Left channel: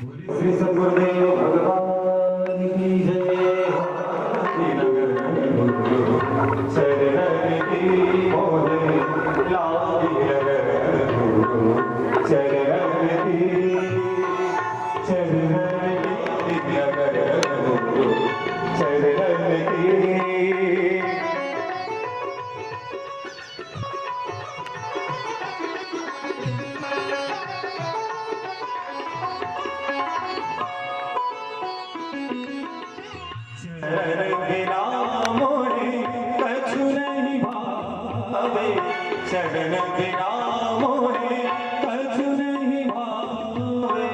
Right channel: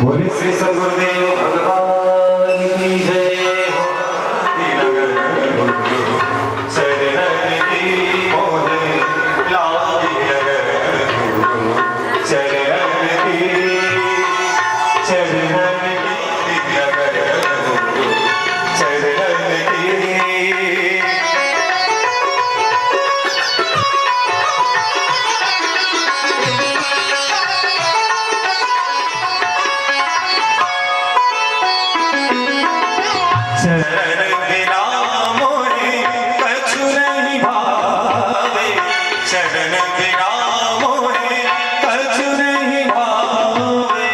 बोले श्री सद्गुरुदेव भगवान की जय हो। शरण की मोहे लागी अगर शरण की अगर शरण की शरण बिना मोहे कछु नहीं भावे। शरण बिना मोहे कछु नहीं भावे।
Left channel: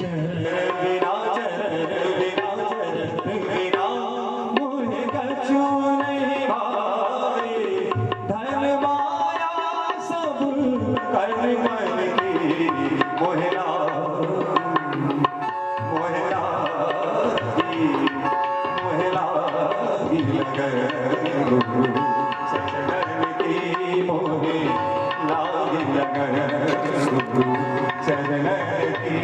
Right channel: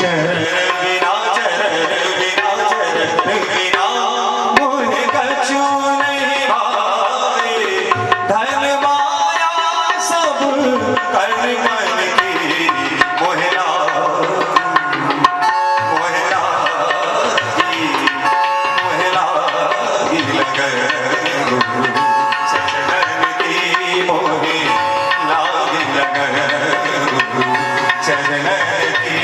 चरण बिना मोहे कछु नहीं भावे। धन माया सब कर मन की मोहरा लगर शरण की मोहे लागी लगर शरण की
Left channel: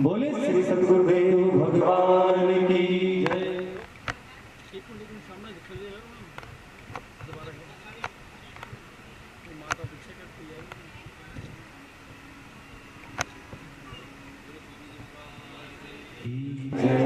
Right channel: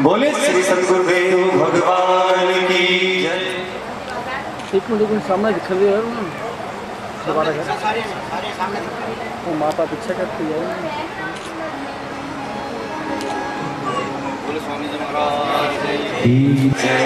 बोले श्री सद्गुरुदेव भगवान की जय। एक मिनट सामने दिख रही है ना दोबारा तो माता पीछे करती है। बोले स्वामी जी महाराज की जय।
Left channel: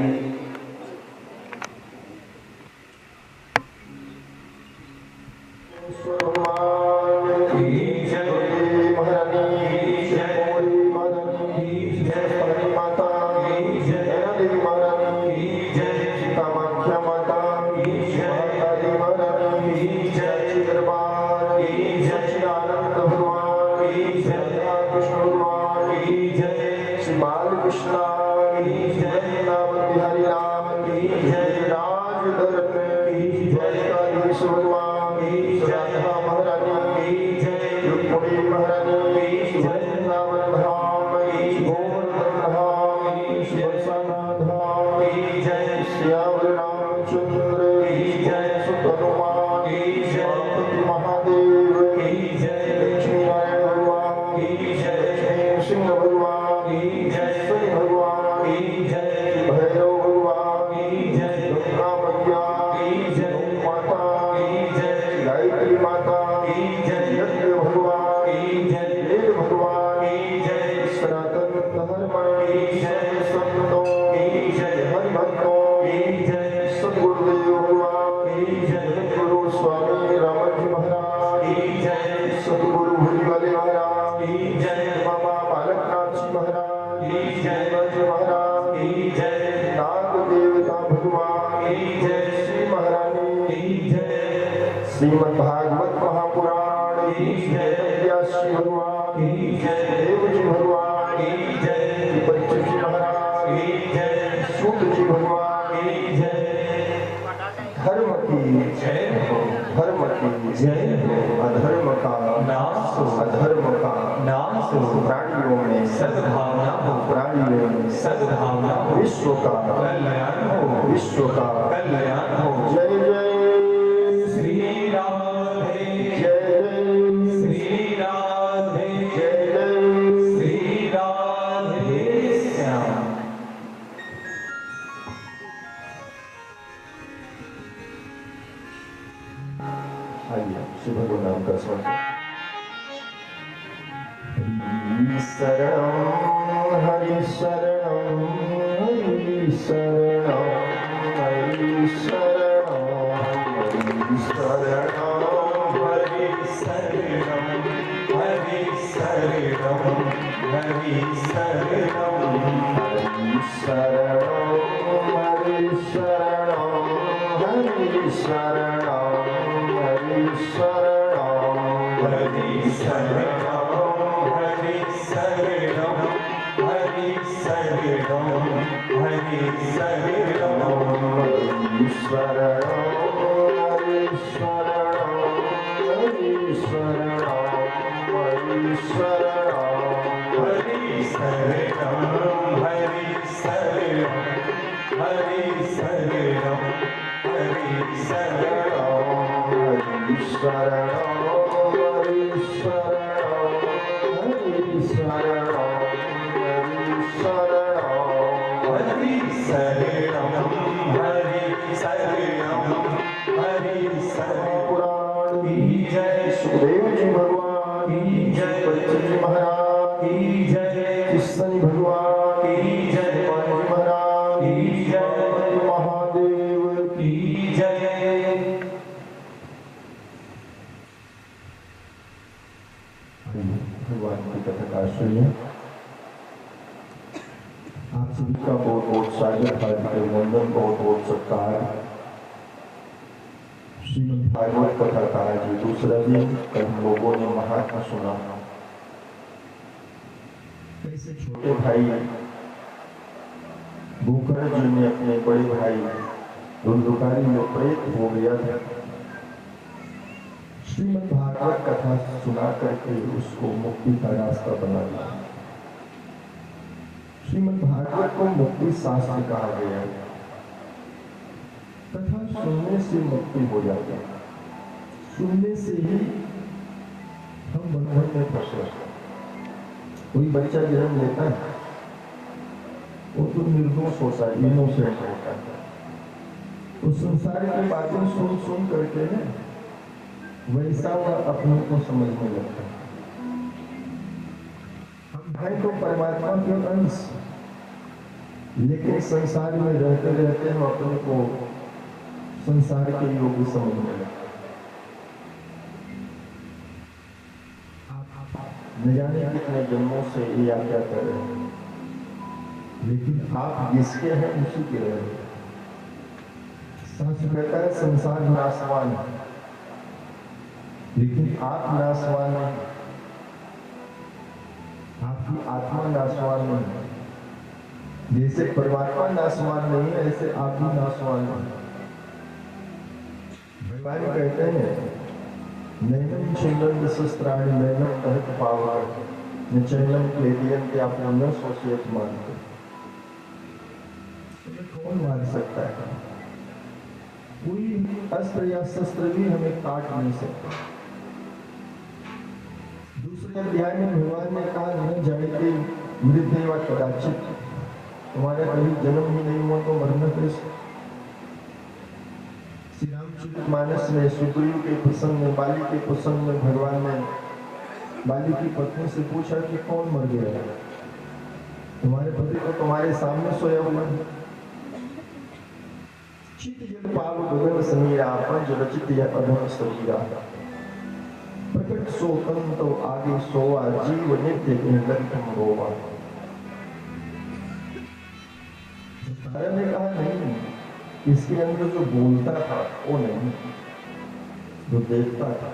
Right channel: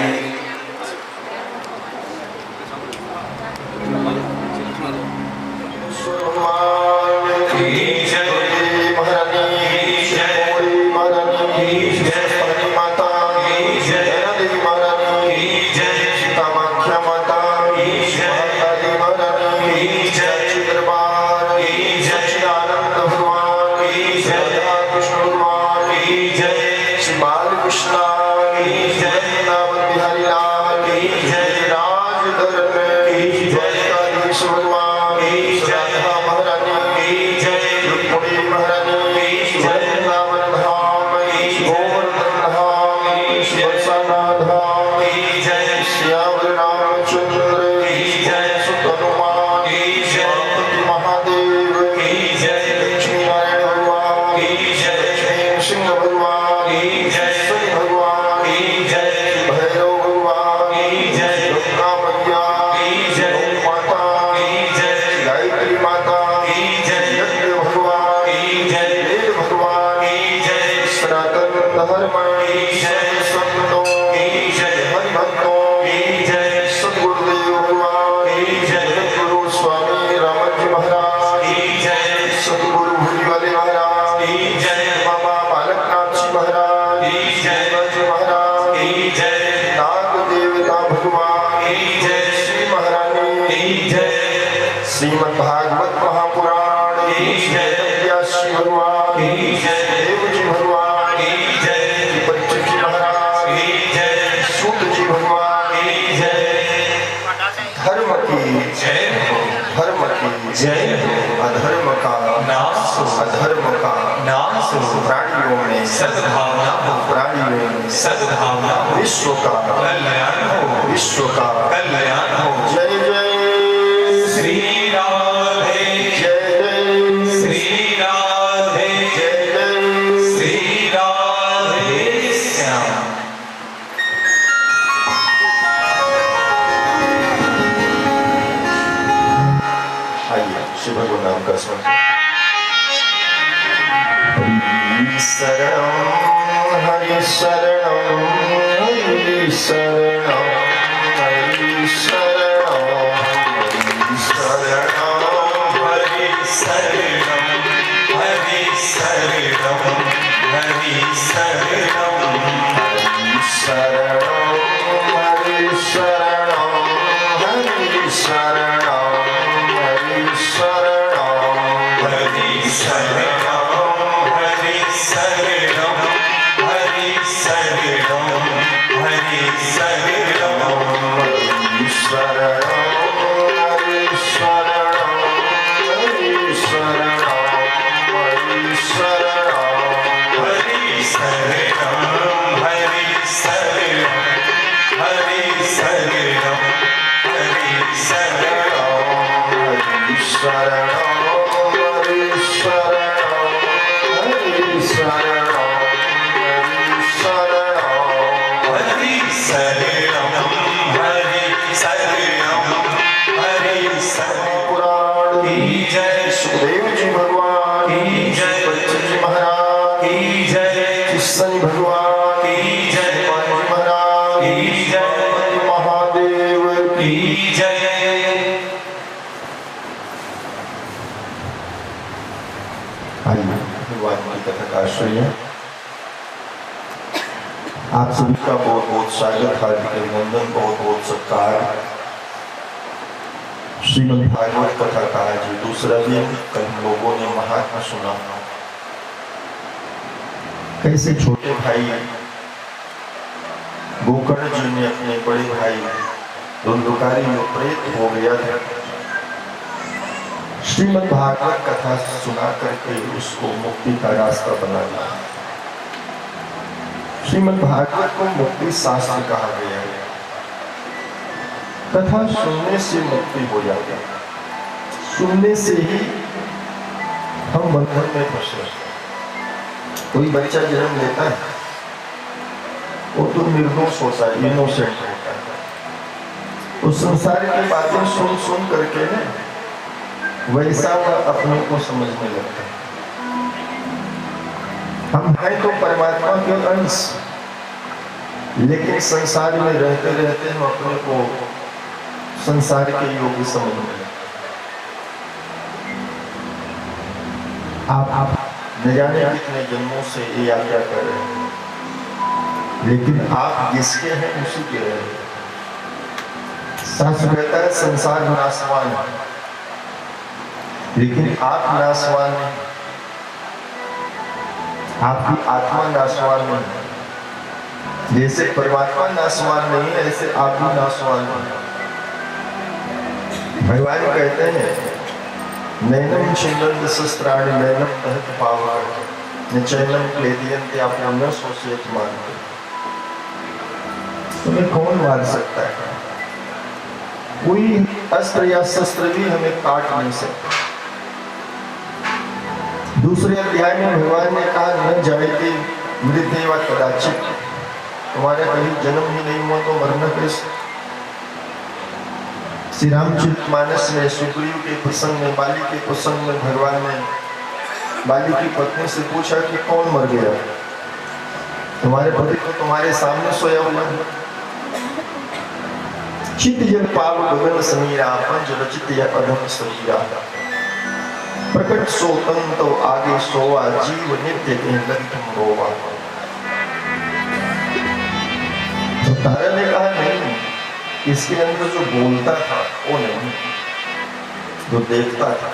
श्रीमद् भागवत महापुराण व्यासी भगवान देव जी भगवान बच्चे जी महाराज सूत जी भगवान धर्म की जय हो। धर्म की जय हो। अधर्म का नाश हो। अधर्म का नाश हो। प्राणियों में सद्भावना हो। प्राणियों में सद्भावना हो। विश्व का कल्याण हो। विश्व का कल्याण हो। जय जय श्री राधे जय जय श्री राधे जय जय श्री राधे श्याम। आइए शिव भगवान नाम का स्मरण। शरणं हरि शरणं हरि शरणं हरि शरणं हरि शरणं हरि शरणं हरि शरणं हरि शरणं हरि शरणं हरि शरणं हरि शरणं हरि शरणं हरि शरणं हरि शरणं हरि शरणं हरि शरणम हरि शरणम हरि शरणम हरि शरणम हरि शरणम हरि शरणम हरि शरणम हरि शरणम हरि शरणम हरि शरणम पुराण की जय सुखदेव जी भगवान की जय बच्चन जी महाराज की जय कृष्ण भगवान की जय महाराज की जय महादेव की जय। आइए भगवान की कथा का आश्रय आप सभी का बहुत बहुत स्वागत, हार्दिक अभिनंदन, बहुत बहुत सत्कार। श्रीमद् भागवत कथा का आज दूसरा दिन। कल हम लोगों ने महात्मा सुना कैसे छोटे भाई गोकर्ण जी ने अपने बड़े भाई धुंधुकारी जो प्रेत हो गया था, श्रीमद् भागवत कथा सुना करके उसको मुक्ति का रास्ता बना दिया। श्रीमद् भागवत को मुक्ति शास्त्र कहा गया है। कथा सुनने से मुक्ति हो जाती है, सुनने से ही हम बंधन में फंसे। कोई बच्चा जन्म लेता है वो तो निर्दोष होता है, इनोसेंट होता है। उस संसार की बातें सुन सुन करके ना वैसा वह अपने को समझने लगता है। हम हैं तो परमात्मा के अंश, लेकिन संसार में रहते रहते हम अपने को संसार के योग्य समझने लगते। आप न जाने कितने जन्मों से ये यात्रा कर रहे हैं, लेकिन आप जिसके हैं उसी के रहे। शास्त्र कहता है संसार नाशवान है, लेकिन आप नाशवान नहीं, आपकी आत्मा नाशवान नहीं। जैसे परमात्मा नाशवान नहीं है, ऐसे आप भी नाशवान नहीं। भगवान कहते हैं नैनम छिन्नन्ति शस्त्राणि नैनम दहत पावक न चैनम क्लेदयन्ति आप न सोचेत मानते। तुम्हें कौन मार सकता है? कोई अस्त्र या शस्त्र भी हमें काट नहीं सकता। दूसरे अध्याय में भगवान ने कहा न जायते मृत्यु कदाचित, तुम्हारे कभी जन्म ही नहीं हुआ तो मरना कैसे? श्री रामचरितमानस में सुग्रीव के प्रसंग में, बाली के प्रसंग में भगवान ने बाली की पत्नी से पूछा कि कौन मर गया? तुम्हारे पति तो तुम्हारे सामने सोया हुआ है। चित जल पाव गगन समीरा पंच रचित या अधम शरीरा, प्रकट सोतन तो आगे सोवा जीव नित्य के ललितम रोवा। तो तारा ने कहा नहीं, इसके अंदर जो बोलता था वो नहीं, जो देखता था।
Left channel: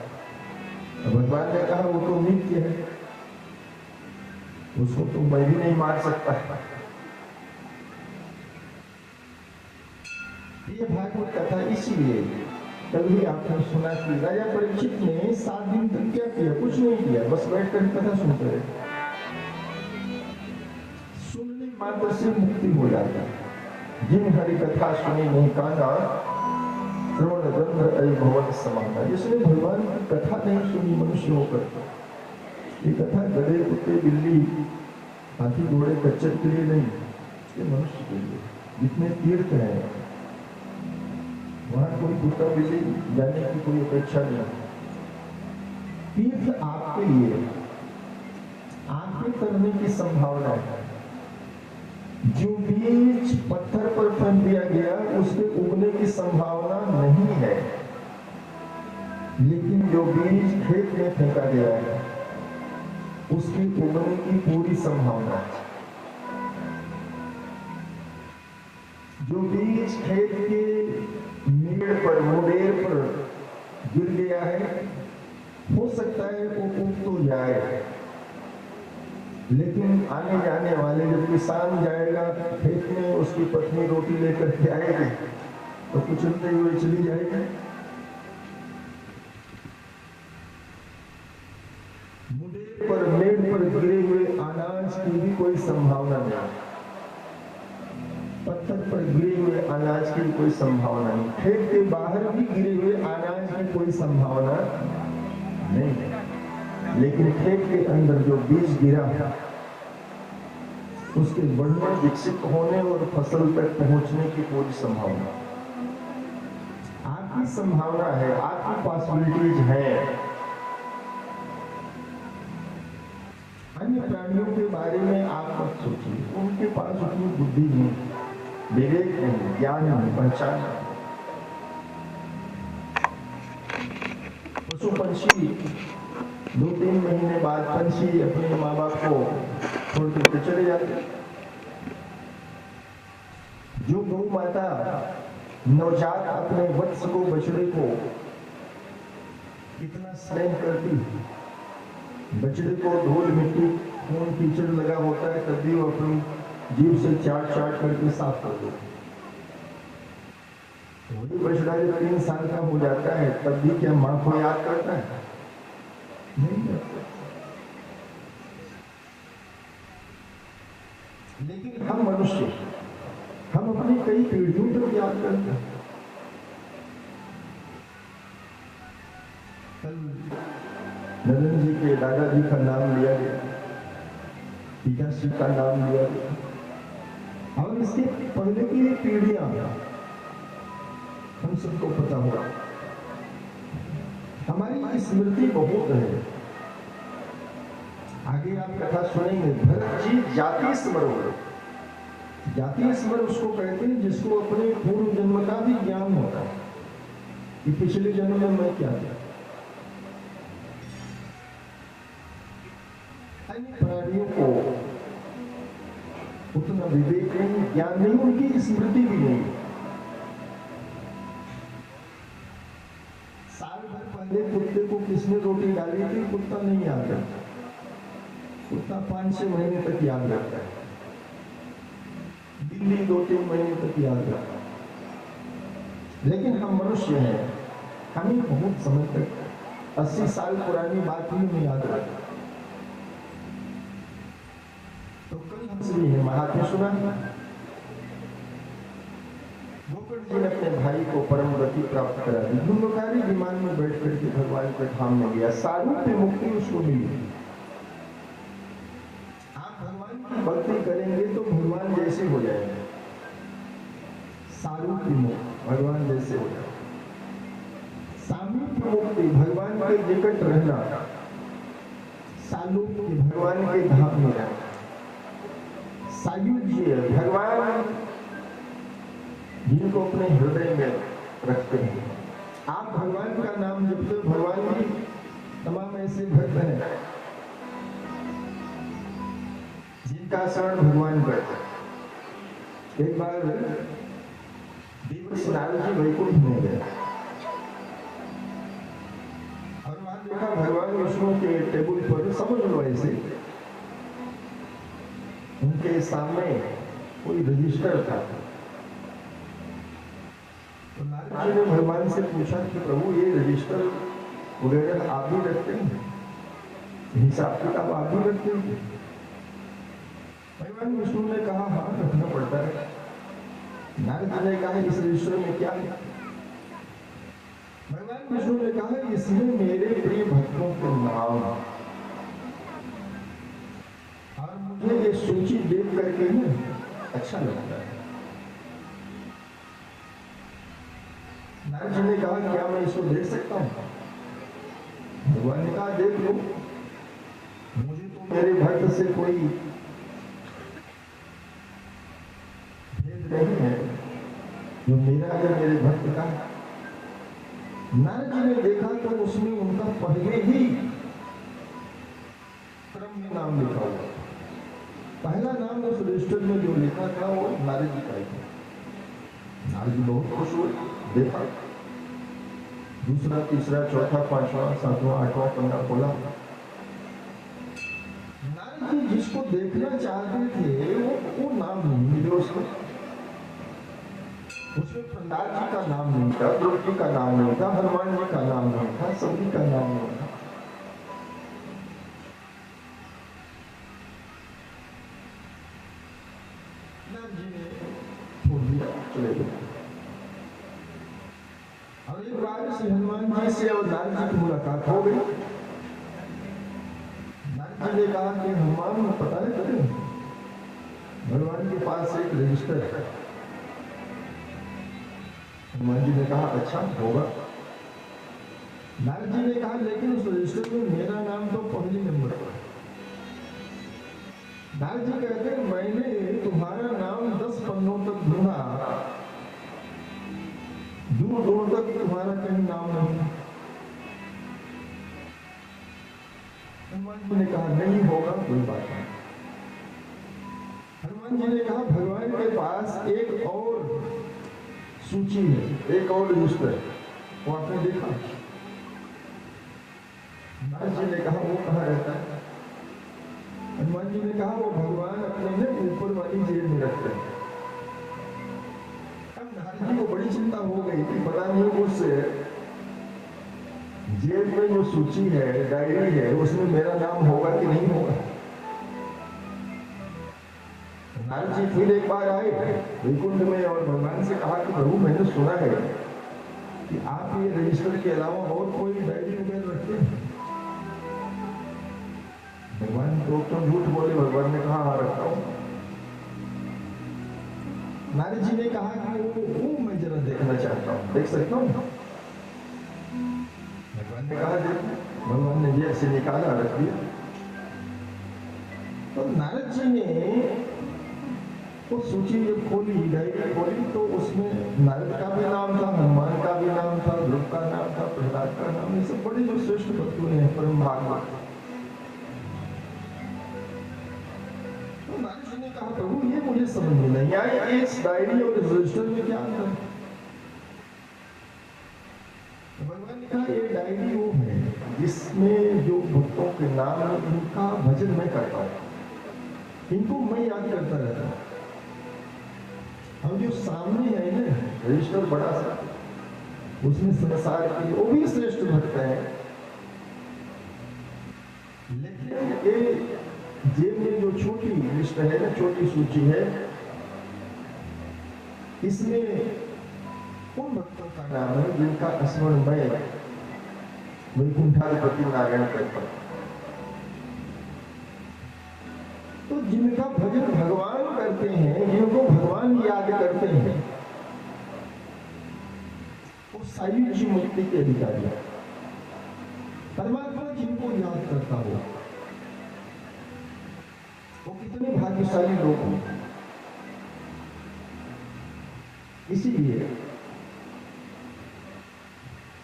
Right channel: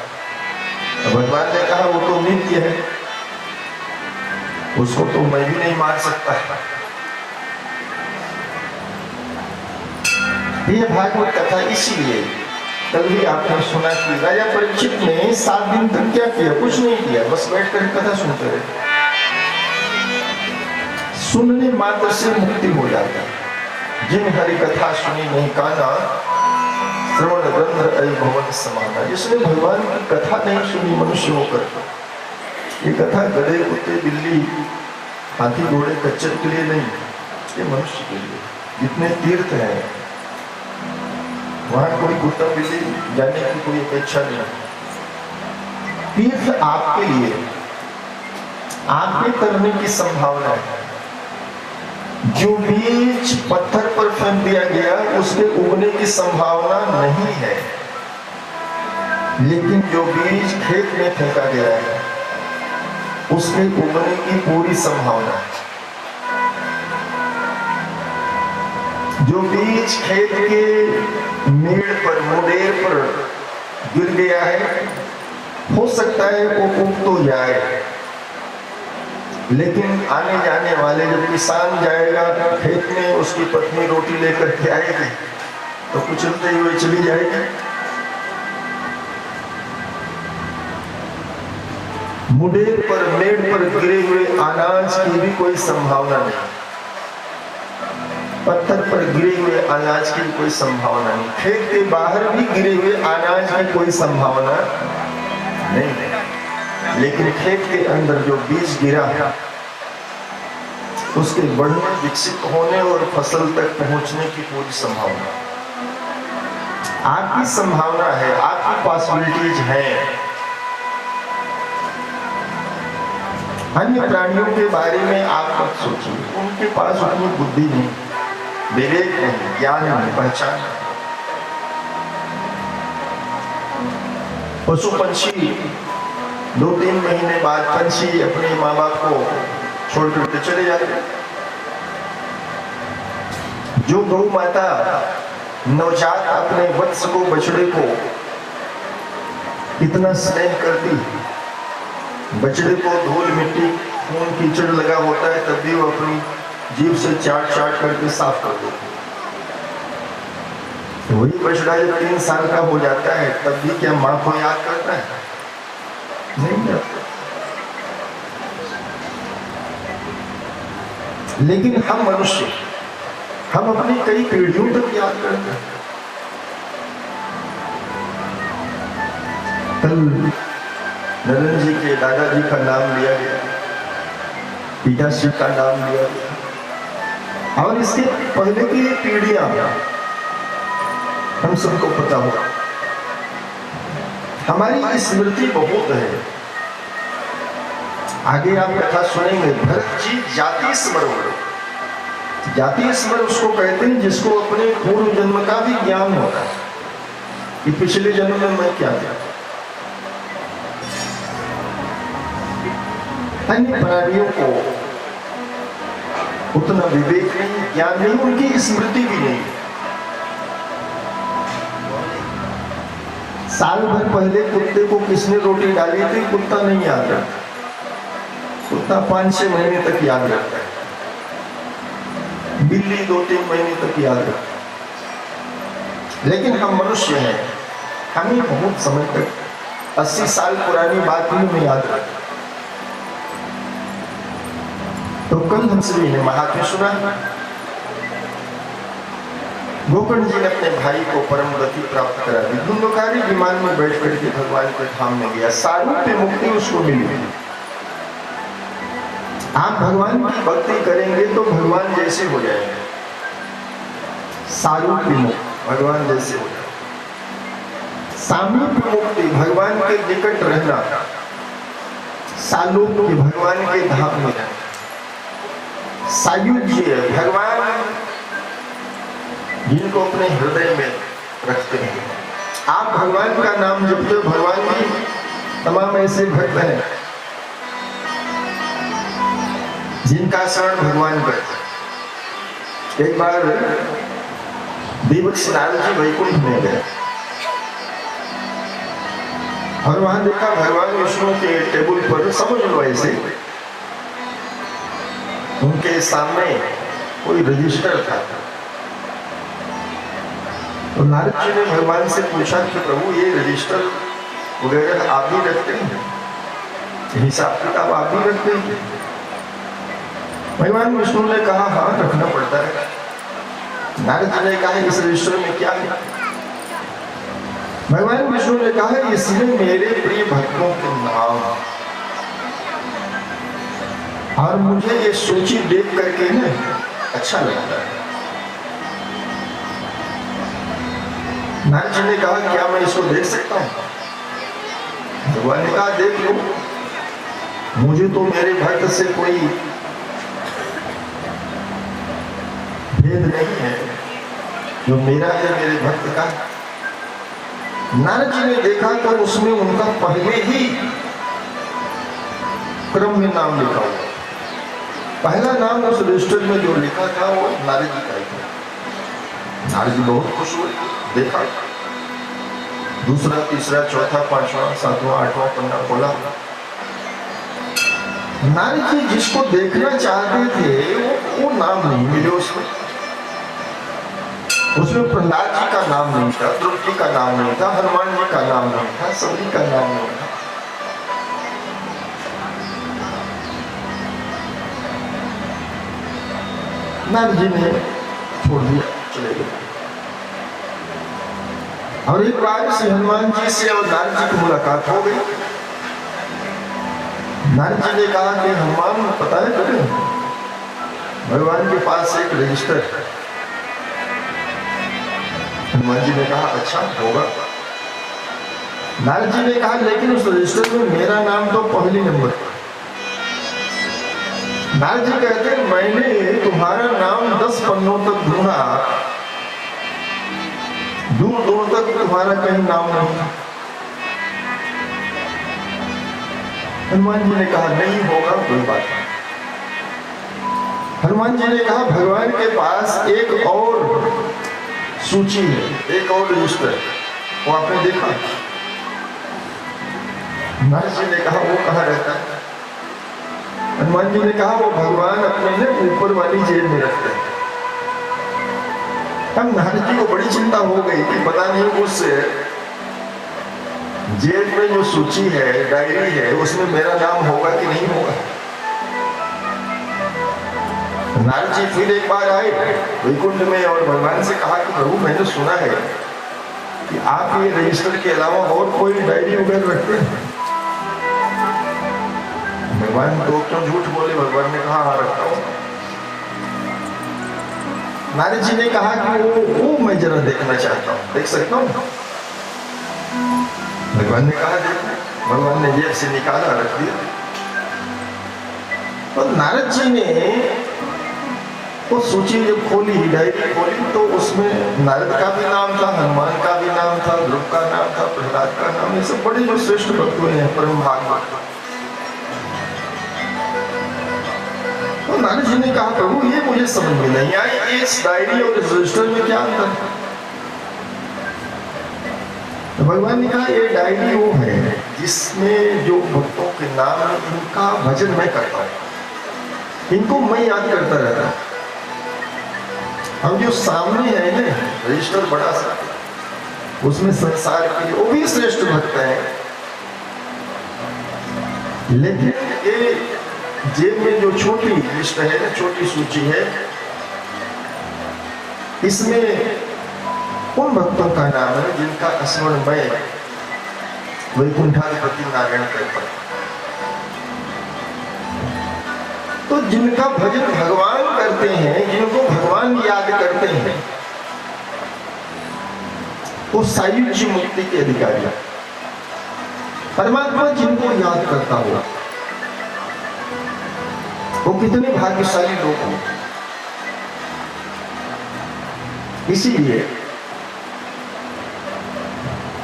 भगवान ने कहा वो तो नित्य है, उसको तो मैं भी नहीं मार सकता। ये भागवत कथा इसीलिए कल भी आपने सुना कि राजा परीक्षित ने 7 दिन तक क्या किया? कुछ नहीं किया, बस बैठकर कथा सुनते रहे। सुनने मात्र से मुक्ति हो जाता है। जिन हरि कथा सुनी नहीं काना श्रवण गंध भवन समाना। जिसने भगवान की कथा नहीं सुनी मनुष्य होकर, ये कथा गधे कुत्ते बिल्ली हाथी घोड़े खच्चर के लिए नहीं, ये मनुष्य के लिए। जितने तीर्थ हैं वहां कोई कुत्ता बिल्ली जाने की कोई अपेक्षा नहीं। तीर्थ आपके लिए, आपके करने की संभावना है। जो बीज पत्थर पर फेंक दिया गया उसके उगने की संभावना नहीं है, लेकिन जो बीज खेत में फेंका गया है उसके उगने की पूरी संभावना है। जो बीज खेत के मेड़ पर मुडेर पर गिर गया है, हो सकता है वो उग तो जाए, लेकिन आने जाने वाले जब किसान जाएगा खेत में, उसकी पत्नी रोटी लेकर के आएगी तो कुचलते हुए चली जाएगी। मुंडेर पर मेड़ पर गिरे हुए अनाज की भी कोई संभावना नहीं, पत्थर पर गिरे हुए अनाज की कोई संभावना नहीं, खेत के बाहर भी गिरे हुए अनाज की कोई संभावना नहीं, लेकिन खेत के अंदर जो बीज गिरा उसके बढ़ने, विकसित होने और फसल तक पहुंचने की पूरी संभावना आपकी संभावना है, आपकी पॉसिबिलिटीज है। अन्य प्राणियों के बारे में आप मत सोचिए, उनके पास उतनी बुद्धि नहीं, विवेक नहीं, ज्ञान नहीं, पहचान नहीं। पशु पंछी 2-3 महीने बाद पंछी अपने माँ बाप को छोड़ करके चले जाते। जो गौ माता नवजात अपने वत्स को, बछड़े को इतना स्नेह करती, बछड़े को धूल मिट्टी खून कीचड़ लगा होता है तब भी वो अपनी जीभ से चाट चाट करके साफ कर देती। वही बछड़ा जब 3 साल का हो जाता है तब भी क्या माँ को याद करता है? नहीं करता। लेकिन हम मनुष्य, हम अपनी कई पीढ़ियों तक याद करते हैं। कल नरेंद्र जी के दादाजी का नाम लिया गया, पिताश्री का नाम लिया गया, और इसके पहले की पीढ़ियां हम सबको पता होगा। हमारी स्मृति बहुत है। आगे आप कथा सुनेंगे, भरत जी जाति स्मरण। जाति स्मरण उसको कहते हैं जिसको अपने पूर्व जन्म का भी ज्ञान होता है कि पिछले जन्म में मैं क्या था। अन्य प्राणियों को उतना विवेक नहीं, ज्ञान नहीं, उनकी स्मृति भी नहीं। साल भर पहले कुत्ते को किसने रोटी डाली थी कुत्ता नहीं याद रखता, कुत्ता 5-6 महीने तक याद रखता है, बिल्ली 2-3 महीने तक याद रखता है। लेकिन हम मनुष्य हैं, हमें बहुत समय तक 80 साल पुरानी बात भी हमें याद रखता। तो कल हम सभी ने महात्म्य सुना, गोकर्ण जी ने अपने भाई को परम गति प्राप्त करा दी, धुंधकारी विमान में बैठ करके भगवान के धाम में गया, सारूप्य मुक्ति उसको मिली। आप भगवान की भक्ति करेंगे तो भगवान जैसे हो जाएंगे, सारूप्य मुक्ति भगवान जैसे हो जाएंगे, सामीप्य मुक्ति भगवान के निकट रहना, सालोक्य भगवान के धाम में रहना, सायुज्य भगवान जिनको अपने हृदय में रखते हैं। आप भगवान का नाम जपते हो, भगवान भी तमाम ऐसे भक्त हैं जिनका शरण भगवान करते। एक बार देवक नारद जी वैकुंठ में गए और वहां देखा भगवान विष्णु के टेबल पर, समझ लो ऐसे, उनके सामने कोई रजिस्टर था। तो नारद जी ने भगवान से पूछा कि प्रभु ये रजिस्टर वगैरह आप भी रखते हैं, हिसाब किताब आप भी रखते हैं? भगवान विष्णु ने कहा हाँ रखना पड़ता है। नारद जी ने कहा इस रजिस्टर में क्या है? भगवान विष्णु ने कहा इसमें मेरे प्रिय भक्तों के नाम, और मुझे ये सूची देख करके ना अच्छा लगता है। नारद जी ने कहा क्या मैं इसको देख सकता हूं? भगवान ने कहा देख लो, मुझे तो मेरे भक्त से कोई भेद नहीं है, जो मेरा है मेरे भक्त का। नारद जी ने देखा तो उसमें उनका पहले ही क्रम में नाम लिखा हुआ, पहला नाम उस रजिस्टर में जो लिखा था वो नारद जी का ही था। नारद जी बहुत खुश हुए, देखा दूसरा, तीसरा, चौथा, 5वां, 7वां, 8वां पन्ना खोला। नारद जी जिसको देखना चाहते थे वो नाम नहीं मिले उसमें। उसमें प्रहलाद जी का नाम नहीं था, ध्रुव जी का नाम नहीं था, हनुमान जी का नाम नहीं था, सभी का नाम नहीं था। नारद जी ने छोड़ दिया, चले गए। और एक बार श्री हनुमान जी से और नारद जी की मुलाकात हो गई। नारद जी ने कहा कि हनुमान, पता है तुम्हें भगवान के पास एक रजिस्टर है। हनुमान जी ने कहा अच्छा होगा। नारद जी ने कहा लेकिन उस रजिस्टर में मेरा नाम तो पहले नंबर पर। नारद जी कहते हैं मैंने तुम्हारा नाम 10 पन्नों तक ढूंढा, दूर दूर तक तुम्हारा कहीं नाम नहीं था। हनुमान जी ने कहा नहीं होगा, कोई बात नहीं। हनुमान जी ने कहा भगवान के पास एक और सूची है, एक और रजिस्टर, वो आपने देखा? नारद जी ने कहा वो कहाँ रहता है? हनुमान जी ने कहा वो भगवान अपने ने ऊपर वाली जेब में रखते हैं। अब नारद जी को बड़ी चिंता हो गई कि पता नहीं उस जेब में जो सूची है, डायरी है, उसमें मेरा नाम होगा कि नहीं होगा। नारद जी फिर एक बार आए वैकुंठ में और भगवान से कहा कि प्रभु मैंने सुना है कि आप ये रजिस्टर के अलावा और कोई डायरी वगैरह रखते हैं। भगवान तो क्यों झूठ बोले? भगवान ने कहा हाँ रखता हूं। नारद जी ने कहा कि वो मैं जरा देखना चाहता हूं, देख सकता हूं? भगवान ने कहा देखो। भगवान ने जेब से निकाला, रख दिया। तो नारद जी ने वो सूची जब खोली, डायरी खोली, तो उसमें नारद का भी नाम था, हनुमान का भी नाम था, ध्रुव का नाम था, प्रहलाद का नाम, ये सब बड़े जो श्रेष्ठ भक्त हुए हैं, परम भागवत। तो नारद जी ने कहा प्रभु ये मुझे समझ में नहीं आई, इस डायरी और इस रजिस्टर में क्या अंतर है? तो भगवान ने कहा ये डायरी वो है जिसमें जो भक्तों के नाम है, इनका भजन मैं करता हूँ, इनको मैं याद करता रहता हूँ। हम जो सामने है ना रजिस्टर बड़ा सा, उसमें संसार के वो भी श्रेष्ठ भक्त है, लेकिन ये जेब में जो छोटी लिस्ट है ना, छोटी सूची है, इसमें उन भक्तों का नाम है जिनका स्मरण मैं वैकुंठाधिपति नारायण करता हूं। तो जिनका भजन भगवान करते हैं, जिनको भगवान याद करते हैं, वो सायुज्य मुक्ति के अधिकारी हैं। परमात्मा जिनको याद करता हो वो कितने भाग्यशाली लोग हैं। इसीलिए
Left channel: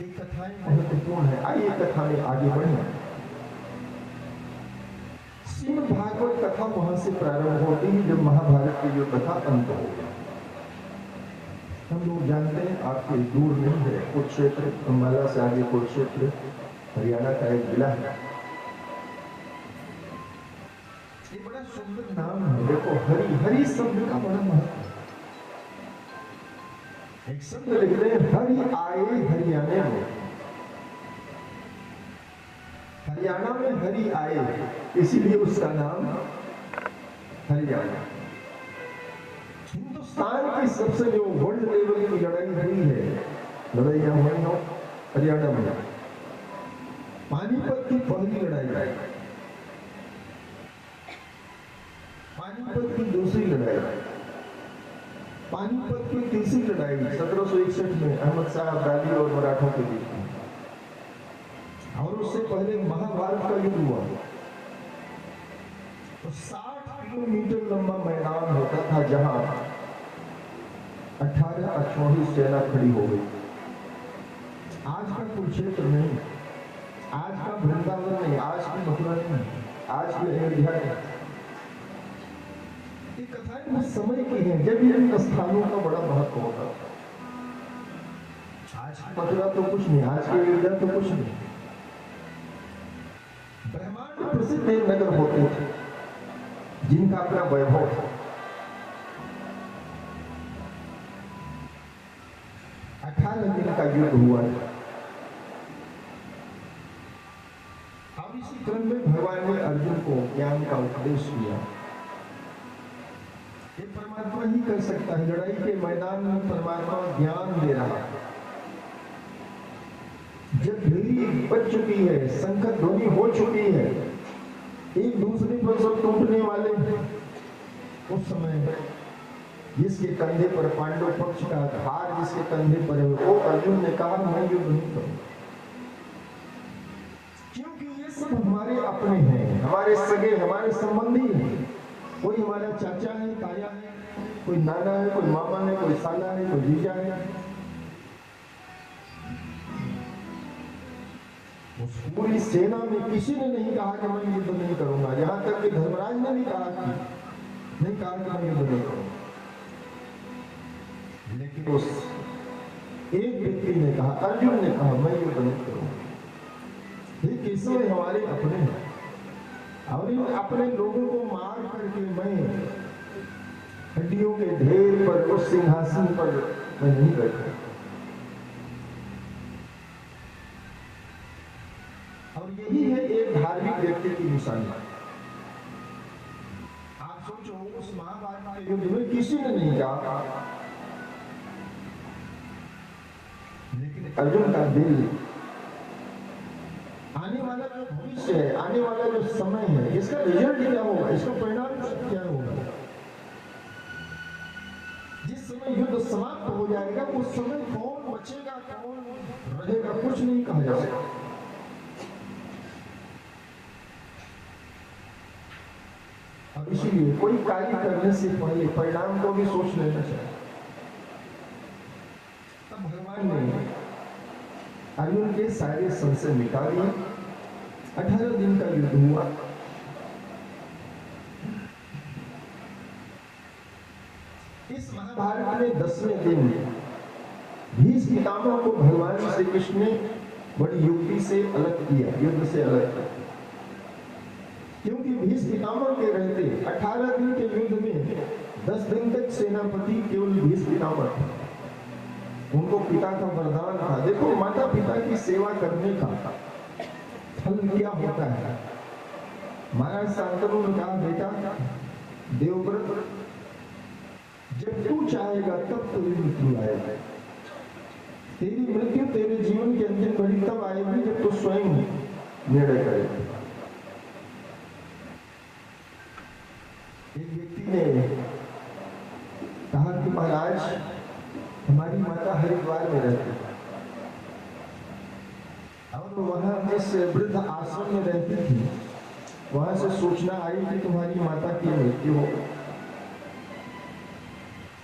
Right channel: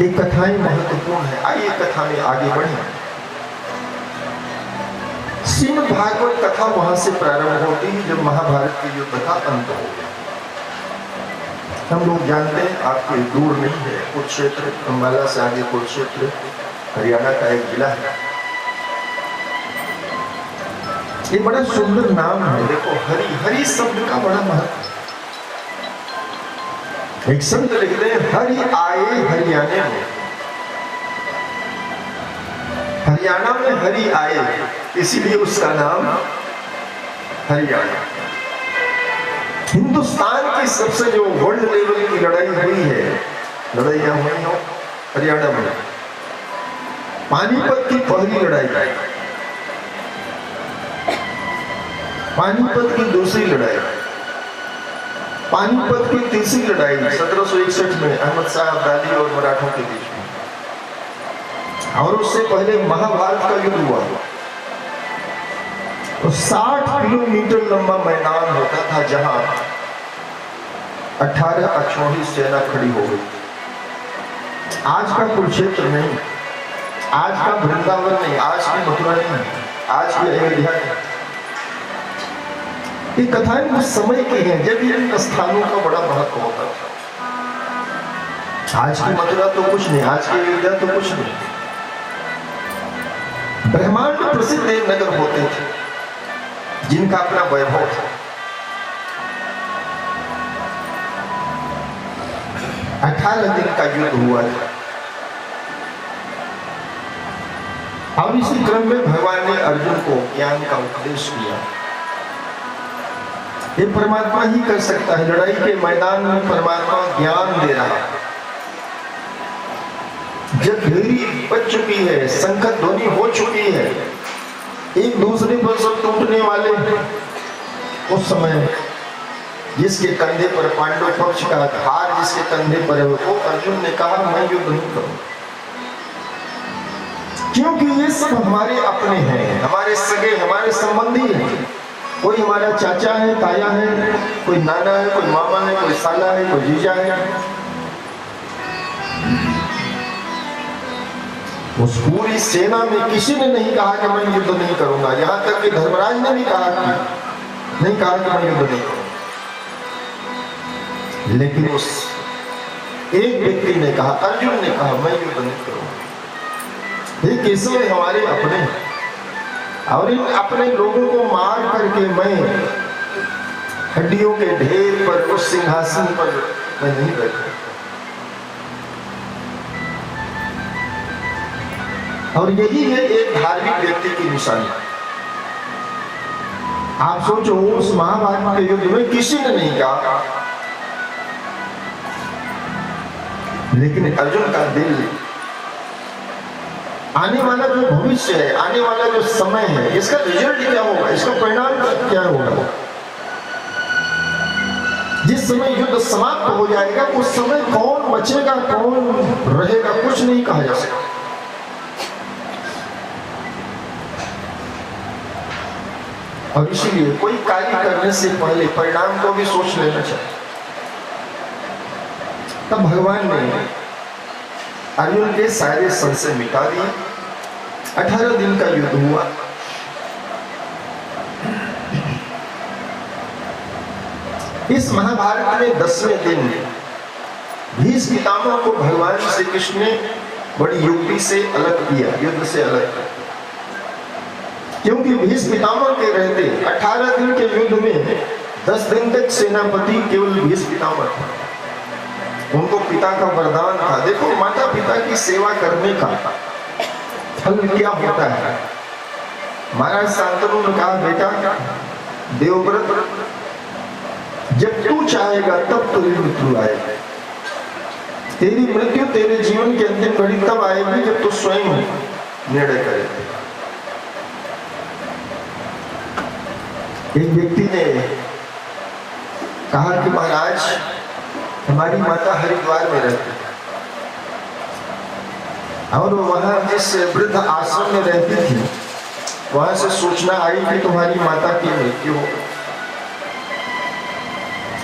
ये कथाएं महत्वपूर्ण है। आइए कथा में आगे बढ़े। श्रीमद् भागवत कथा वहां से प्रारंभ होती है जब महाभारत की युद्ध का अंत हो गया। हम लोग जानते हैं आपके दूर नहीं है, कुरुक्षेत्र, अंबाला से आगे कुरुक्षेत्र हरियाणा का एक जिला है। ये बड़ा सुंदर नाम है। देखो हरि, हरि शब्द का बड़ा महत्व। एक संत लिखते हैं हरि आए हरियाणे में, हरियाणा में हरि आए, इसीलिए उसका नाम हरियाणा। हिंदुस्तान की सबसे जो वर्ल्ड लेवल की लड़ाई हुई है, लड़ाइयां हुई हो हरियाणा में। पानीपत की पहली लड़ाई, पानीपत की दूसरी लड़ाई, पानीपत की तीसरी लड़ाई 1761 में अहमद शाह अब्दाली और मराठों के बीच में, और उससे पहले महाभारत का युद्ध हुआ। तो 60 किलोमीटर लंबा मैदान होता था जहां 18 अक्षौहिणी सेना खड़ी हो गई। आज का कुरुक्षेत्र नहीं, आज का वृंदावन नहीं, आज की मथुरा नहीं, आज की अयोध्या नहीं। ये कथाएं उस समय की हैं जब इन स्थानों का बड़ा महत्व होता था। आज की मथुरा तो कुछ नहीं, आज की अयोध्या तो कुछ नहीं। ब्रह्मांड प्रसिद्ध नगर होते थे जिनका अपना वैभव था। 18 दिन का युद्ध हुआ था। और इसी क्रम में भगवान ने अर्जुन को ज्ञान का उपदेश किया। ये परमात्मा ही कर सकता है। लड़ाई के मैदान में परमात्मा ज्ञान दे रहा है। जब भेरी बच चुकी है, संकट ध्वनि हो चुकी है, एक दूसरे पर सब टूटने वाले, उस समय जिसके कंधे पर पांडव पक्ष का भार जिसके कंधे पर है, वो अर्जुन ने कहा मैं युद्ध नहीं करूं, क्योंकि ये सब हमारे अपने हैं, हमारे सगे, हमारे संबंधी हैं। कोई हमारा चाचा है, ताया है, कोई नाना है, कोई मामा है, कोई साला है, कोई जीजा है। उस पूरी सेना में किसी ने नहीं कहा कि मैं युद्ध नहीं करूंगा। यहां तक कि धर्मराज ने भी कहा कि नहीं कहा कि मैं युद्ध नहीं करूंगा। लेकिन उस एक व्यक्ति ने कहा, अर्जुन ने कहा मैं युद्ध नहीं करूंगा। ये केशव हमारे अपने हैं और इन अपने लोगों को मार करके मैं हड्डियों के ढेर पर उस सिंहासन पर मैं नहीं बैठूं। और यही है एक धार्मिक व्यक्ति की निशानी। आप सोचो, उस महाभारत के युद्ध में किसी ने नहीं कहा, लेकिन अर्जुन का दिल, आने वाला जो भविष्य है, आने वाला जो समय है, इसका रिजल्ट क्या होगा, इसका परिणाम क्या होगा, जिस समय युद्ध समाप्त हो जाएगा उस समय कौन बचेगा कौन रहेगा कुछ नहीं कहा जा सकता। और इसीलिए कोई कार्य करने से पहले परिणाम को भी सोच लेना चाहिए। तब भगवान ने अर्जुन के सारे संशय मिटा दिए। 18 दिन का युद्ध हुआ। इस महाभारत में 10वें दिन भीष्म पितामह को भगवान श्री कृष्ण ने बड़ी युक्ति से अलग किया, युद्ध से अलग किया। क्योंकि भीष्म पितामह के रहते 18 दिन के युद्ध में 10 दिन तक सेनापति केवल भीष्म पितामह था। उनको पिता का वरदान था। देखो, माता पिता की सेवा करने का फल क्या होता है। महाराज शांतनु ने कहा, बेटा देवव्रत, जब तू चाहेगा तब तेरी मृत्यु आएगी। तेरी मृत्यु तेरे जीवन के अंतिम घड़ी तब आएगी जब तू स्वयं निर्णय करेगा। एक व्यक्ति ने कहा कि महाराज, हमारी माता हरिद्वार में रहती है और वहां जिस वृद्ध आश्रम में रहती थी वहां से सूचना आई कि तुम्हारी माता की मृत्यु हो गई।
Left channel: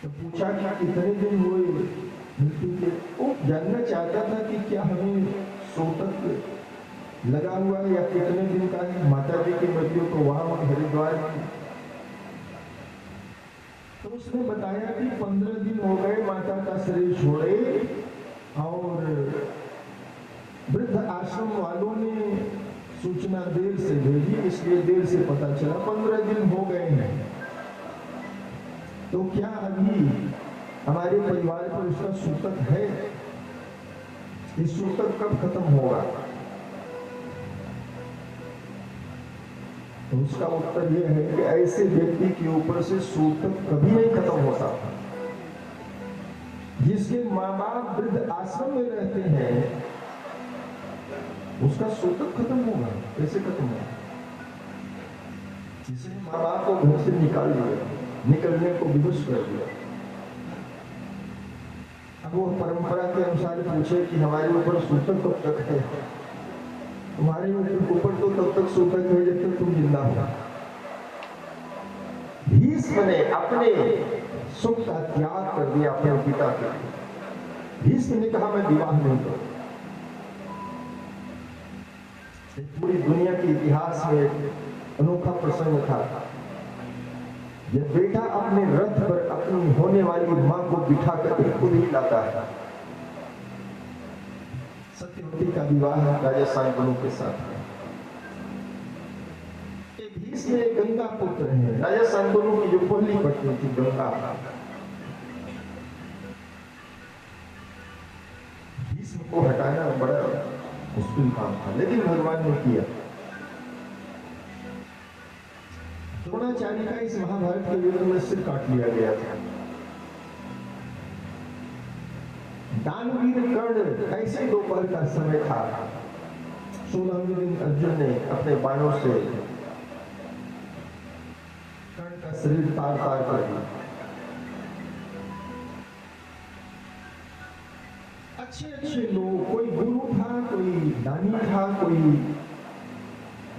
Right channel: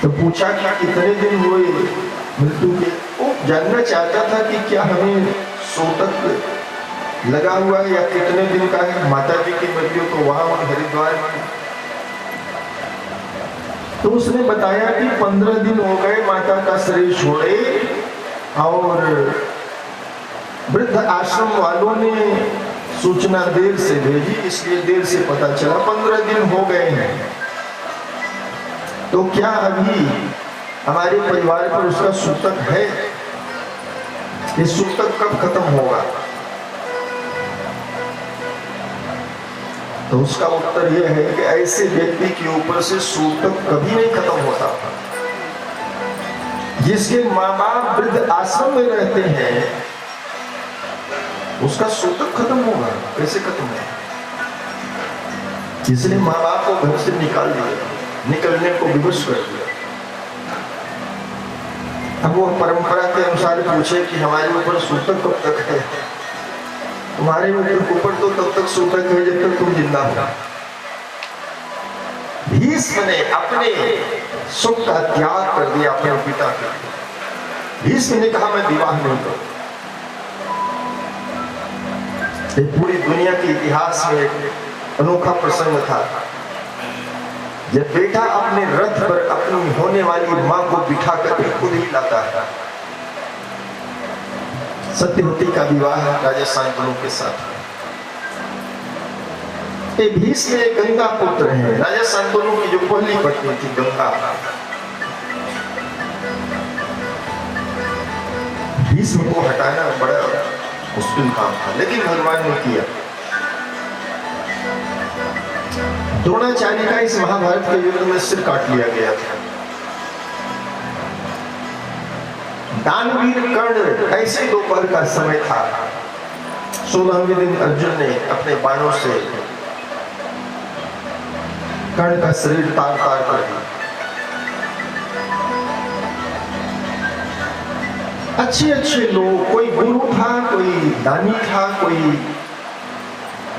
तो पूछा कि कितने दिन हुए मृत्यु के। वो जानना चाहता था कि क्या हमें सूतक लगा हुआ है या कितने दिन का है माता जी की मृत्यु। तो वहां हरिद्वार में तो उसने बताया कि 15 दिन हो गए माता का शरीर छोड़े और वृद्ध आश्रम वालों ने सूचना देर से भेजी, इसलिए देर से पता चला। 15 दिन हो गए हैं। तो क्या अभी हमारे परिवार पर उसका सूतक है? ये सूतक कब खत्म होगा? तो उसका उत्तर यह है कि ऐसे व्यक्ति के ऊपर से सूतक कभी नहीं खत्म होता। जिसके माँ बाप वृद्ध आश्रम में रहते हैं उसका सूतक खत्म होगा। कैसे खत्म होगा? इसलिए माँ बाप को घर से निकाल दिया, निकलने को विवश कर दिया। अब वो परंपरा के अनुसार पूछे कि हमारे ऊपर सूतक कब तक है? तुम्हारे ऊपर तो तब तक सूतक है जब तक तुम जिंदा हो। भीष्म ने अपने सुख का त्याग कर दिया अपने पिता के लिए। भीष्म ने कहा, मैं विवाह नहीं करूं। पूरी दुनिया के इतिहास में एक अनोखा प्रसंग था जब बेटा अपने रथ पर अपनी होने वाली मां को बिठा कर खुद ही लाता है। सत्यवती का विवाह राजा शांतनु के साथ। भीष्म गंगा पुत्र हैं। राजा शांतनु की जो पहली पत्नी थी गंगा, भीष्म को हटाना बड़ा मुश्किल काम था, लेकिन भगवान ने किया। द्रोणाचार्य का इस महाभारत के युद्ध में सिर काट लिया गया था। दानवीर कर्ण, ऐसे दोपहर का समय था, 16वें दिन अर्जुन ने अपने बाणों से कर्ण का शरीर तार तार कर दिया। अच्छे अच्छे लोग, कोई गुरु था, कोई दानी था, कोई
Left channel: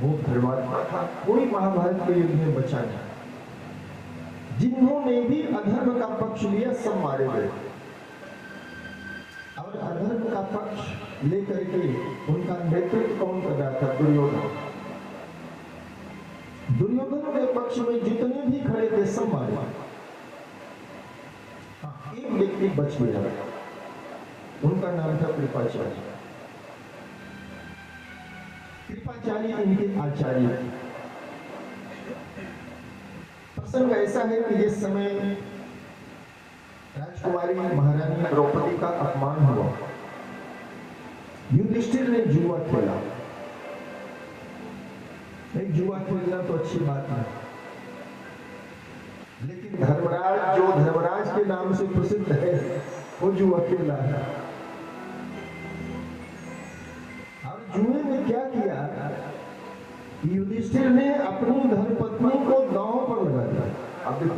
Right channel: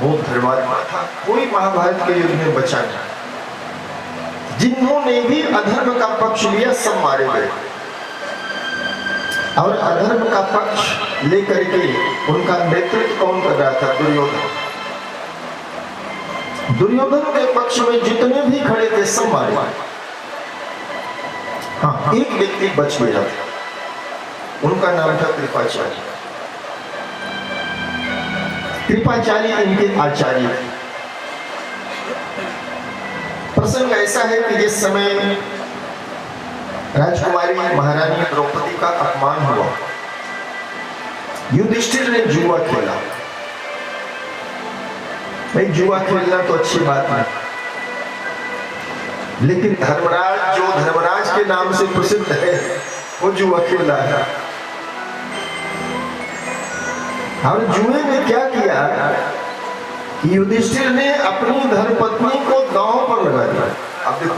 बहुत धर्मात्मा था, कोई महाभारत के युद्ध में बचा नहीं। जिन्होंने भी अधर्म का पक्ष लिया सब मारे गए, और अधर्म का पक्ष लेकर के उनका नेतृत्व कौन कर रहा था? दुर्योधन। दुर्योधन के पक्ष में जितने भी खड़े थे सब मारे। हाँ, एक व्यक्ति बच गया था, उनका नाम था कृपाचार्य। कृपाचार्य इनके आचार्य थे। प्रसंग ऐसा है कि जिस समय राजकुमारी महारानी द्रौपदी का अपमान हुआ, युधिष्ठिर ने जुआ खेला। भाई, जुआ खेलना तो अच्छी बात है, लेकिन धर्मराज, जो धर्मराज के नाम से प्रसिद्ध है, वो जुआ खेला है। और जुए में क्या किया कि युधिष्ठिर ने अपनी धर्मपत्नी को दांव पर लगा दिया। अब देखो,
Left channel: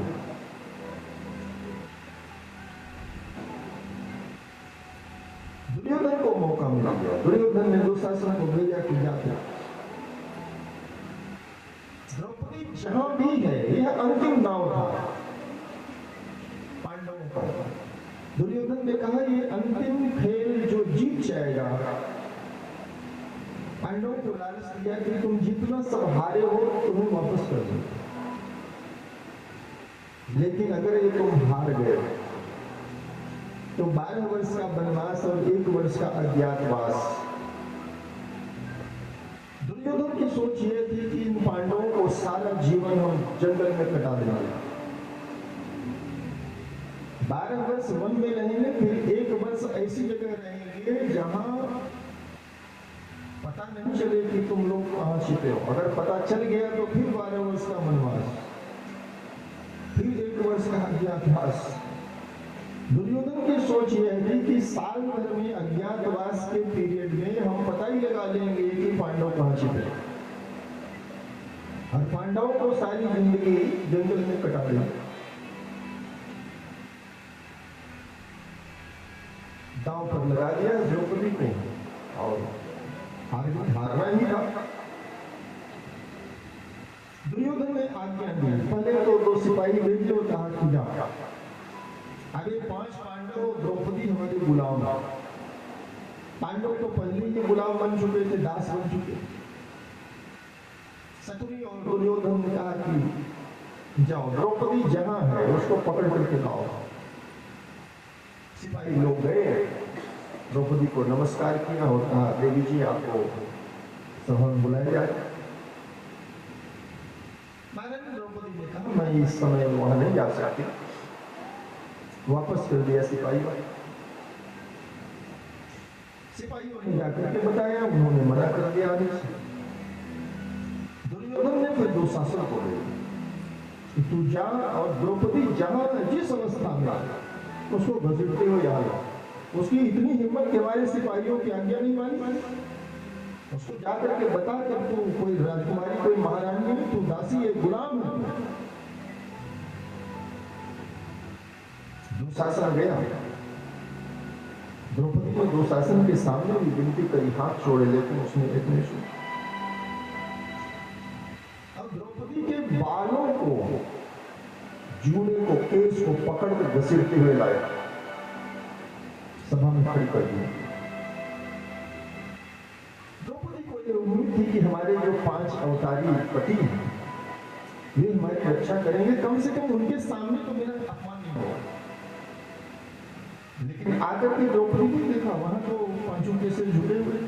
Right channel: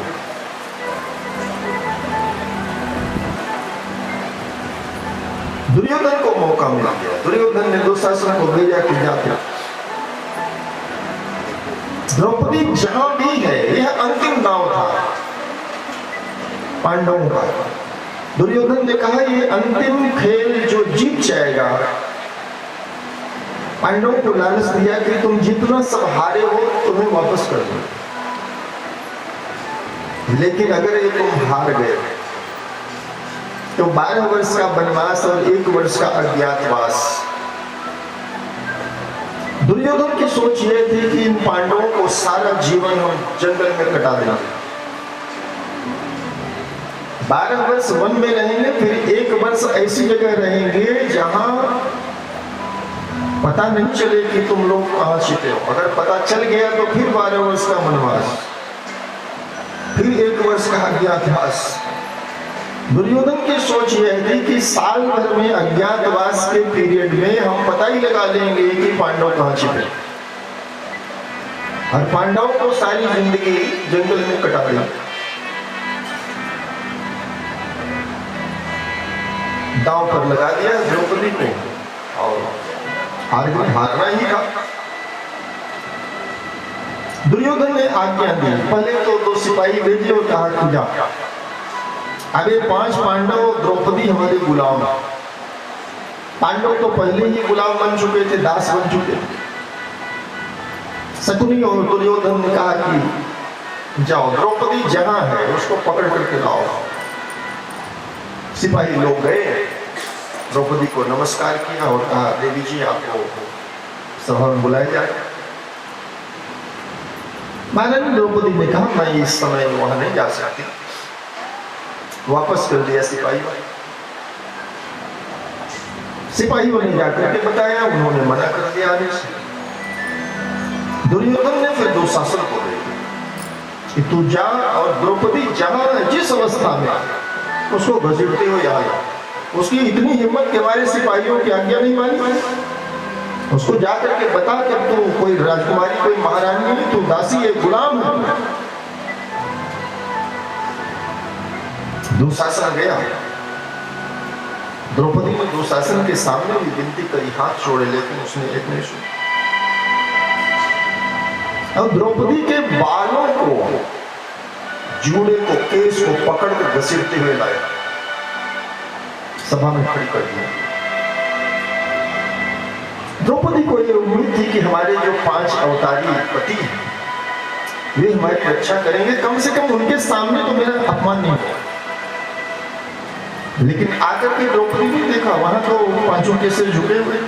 दुर्योधन को मौका मिल गया। दुर्योधन ने दुशासन को भेजा कि जाके द्रौपदी जहां भी है, यह अंतिम दांव था पांडवों का। दुर्योधन ने कहा, ये अंतिम खेल जो जीत जाएगा, पांडवों को लालच दिया कि तुम जितना सब हारे हो तुम्हें वापस कर दो, लेकिन अगर ये तुम हार गए तो 12 वर्ष का वनवास और 1 वर्ष का अज्ञातवास। दुर्योधन की सोच यह थी कि इन पांडवों को सारा जीवन हम जंगल में कटा देंगे। 12 वर्ष वन में रहेंगे, फिर 1 वर्ष ऐसी जगह रहेंगे जहां पता नहीं चले कि तुम लोग कहां छिपे हो। अगर पता चल गया तो फिर 12 वर्ष का वनवास, फिर 1 वर्ष का अज्ञातवास। दुर्योधन की सोच यह थी कि साल भर में अज्ञातवास के पीरियड में हम पता ही लगा लेंगे कि पांडव कहां छिपे, और पांडवों को सारी जिंदगी जंगल में कटा देंगे। दांव पर लगा दिया द्रौपदी को, और हारना ही था। दुर्योधन ने आज्ञा दी, पहले तो 2 सिपाही भेजे और कहा कि जा, अबे 5 पांडव द्रौपदी हमारे गुलाम। पांडव तो पहले ही गुलाम बन चुके थे, दास बन चुके थे। शकुनी और दुर्योधन ने कहा कि जाओ, द्रौपदी जहां है उसको पकड़ करके लाओ। सिपाही लोग गए, द्रौपदी को नमस्कार किया और कहा, देवी जी आपको सभा में बुलाया जाए। महारानी द्रौपदी ने कहा, मैं इस समय वहां नहीं जा सकती। वापस कर दिया सिपाहियों ने जाकर के बताया, उन्होंने मना कर दिया आने से। दुर्योधन ने फिर दुशासन को भेजा कि तू जा और द्रौपदी जहां जिस अवस्था में उसको घसीटते हो यहाँ। उसकी इतनी हिम्मत के हमारे सिपाहियों की आज्ञा नहीं मानी। उसको जाकर के बता कि अब तू कोई राजकुमारी, कोई महारानी नहीं, तू दासी है, गुलाम है। दुशासन गया। द्रौपदी ने दुशासन के सामने भी विनती करी, हाथ छोड़े, लेकिन उसने एक नहीं सुनी। अब द्रौपदी के बालों को, जूड़े को, केस को पकड़ कर घसीटते हुए लाया, सभा में खड़ी कर दिया। द्रौपदी को यह उम्मीद थी कि हमारे जो 5 अवतारी पति हैं, वे हमारी रक्षा करेंगे, कम से कम उनके सामने तो मेरा अपमान नहीं होगा। लेकिन आकर के द्रौपदी ने देखा, वहां तो 5 के सिर झुके हुए।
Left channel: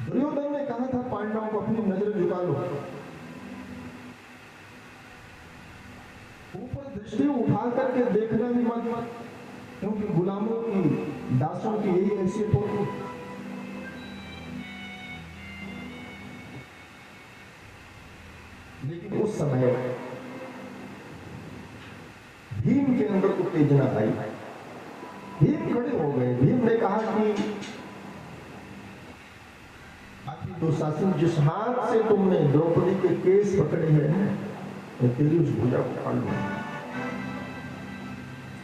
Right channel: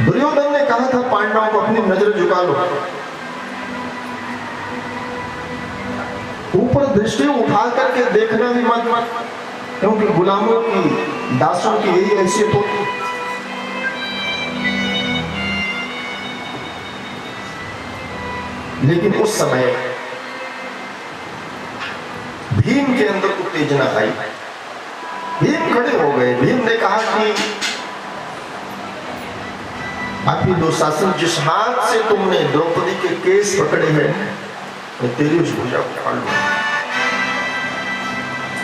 दुर्योधन ने कहा था पांडवों को अपनी नजर झुका लो, ऊपर दृष्टि उठा करके देखना भी मत, क्योंकि गुलामों की, दासों की यही हैसियत होती। लेकिन उस समय भीम के अंदर उत्तेजना आई। भीम खड़े हो गए। भीम ने कहा कि आपकी दुशासन, जिस हाथ से तुमने द्रौपदी के केस पकड़े हैं, मैं तेरी उस भुजा को फाड़ लूंगा,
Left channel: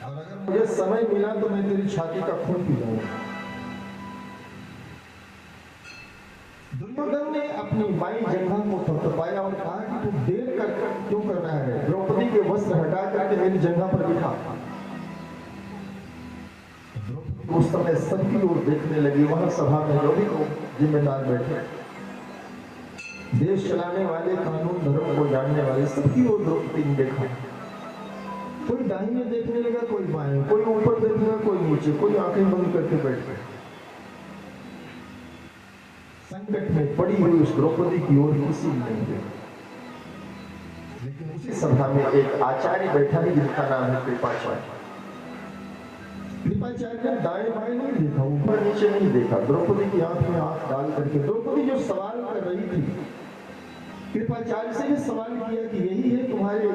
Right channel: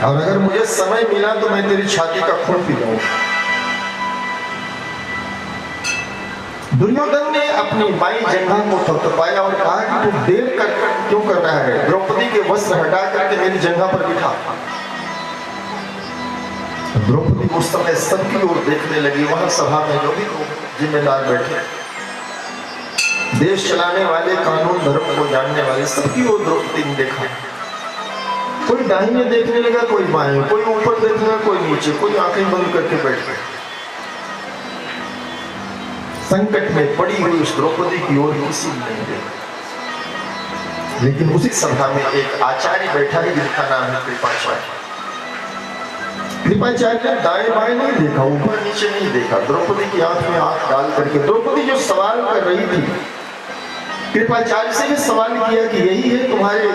और अगर मुझे समय मिला तो मैं तेरी छाती का खून पी लूंगा। दुर्योधन ने अपनी बाई जंघा को थपथपाया और कहा कि तू देर क्यों कर रहा है, द्रौपदी के वस्त्र हटा करके मेरी जंघा पर बिठा। द्रौपदी उस समय सबकी ओर देखने लगी। वहां सभा में जो भी लोग जिम्मेदार बैठे, देश चलाने वाले, कानून धर्म को जानने वाले, सबकी ओर द्रौपदी ने देखा। कोई दाहिने देखने लगा, कोई बाएं, कोई ऊपर देखने लगा, कोई नीचे, कोई आंखें बंद करके बैठ गए। संकट में पड़ी हुई उस द्रौपदी की ओर किसी ने नहीं देखा। लेकिन उसी सभा में एक आचार्य बैठा है जिसका नाम है कृपाचार्य। कृपाचार्य ने दाएं बाएं नहीं देखा, ऊपर नीचे नहीं देखा, द्रौपदी की आंख में आंख डाल करके द्रौपदी जो सवाल कर रही थी, कृपाचार्य से भी सवाल किया कि यही है तुम्हारे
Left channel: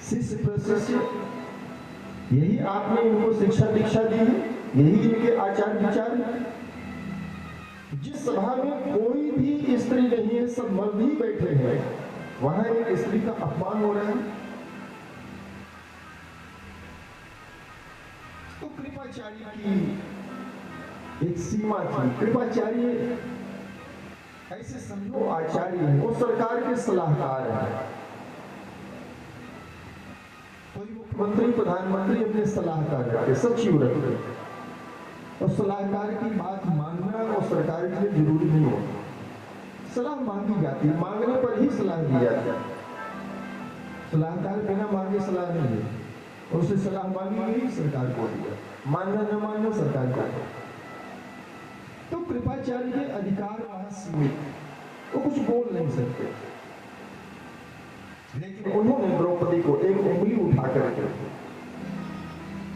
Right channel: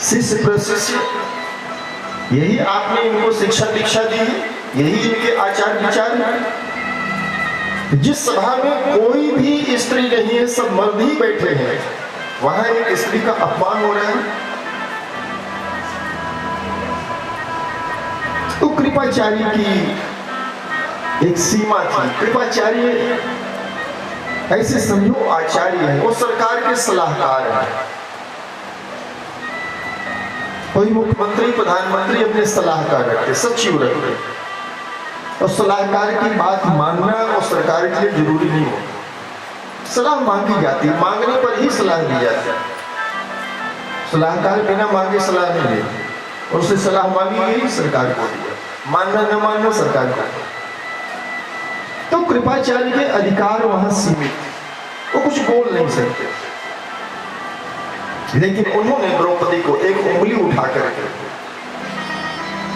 शिष्य प्रशिष्य, यही आपने इनको शिक्षा दीक्षा दी है, यही इनके आचार विचार है। जिस सभा में कोई भी स्त्री नहीं है, सब मर्द ही बैठे हैं, वहां एक स्त्री का अपमान हो रहा है। तो कृपाचार्य की एक सीमा थी। कृपाचार्य ऐसे समझो आचार्य है, वो सरकार के सलाहकार है। कोई मुख्यमंत्री प्रधानमंत्री अपने सलाहकार रखते, सचिव रखते, और सलाहकार की बात मानना और सरकार के लिए जरूरी नहीं होता। सलाह मांगी जाती है, मांगने पर ही सलाह दी जाती है। सलाहकार बिना मांगे सलाह नहीं देते, और उससे सलाह मांगी गई सरकार को दिया, मानना न मानना सरकार को। तो कृपाचार्य के अधिकार वहां सीमित, वो कुछ बोल नहीं सकते। लेकिन उन्होंने द्रौपदी को एक उंगली उठा करके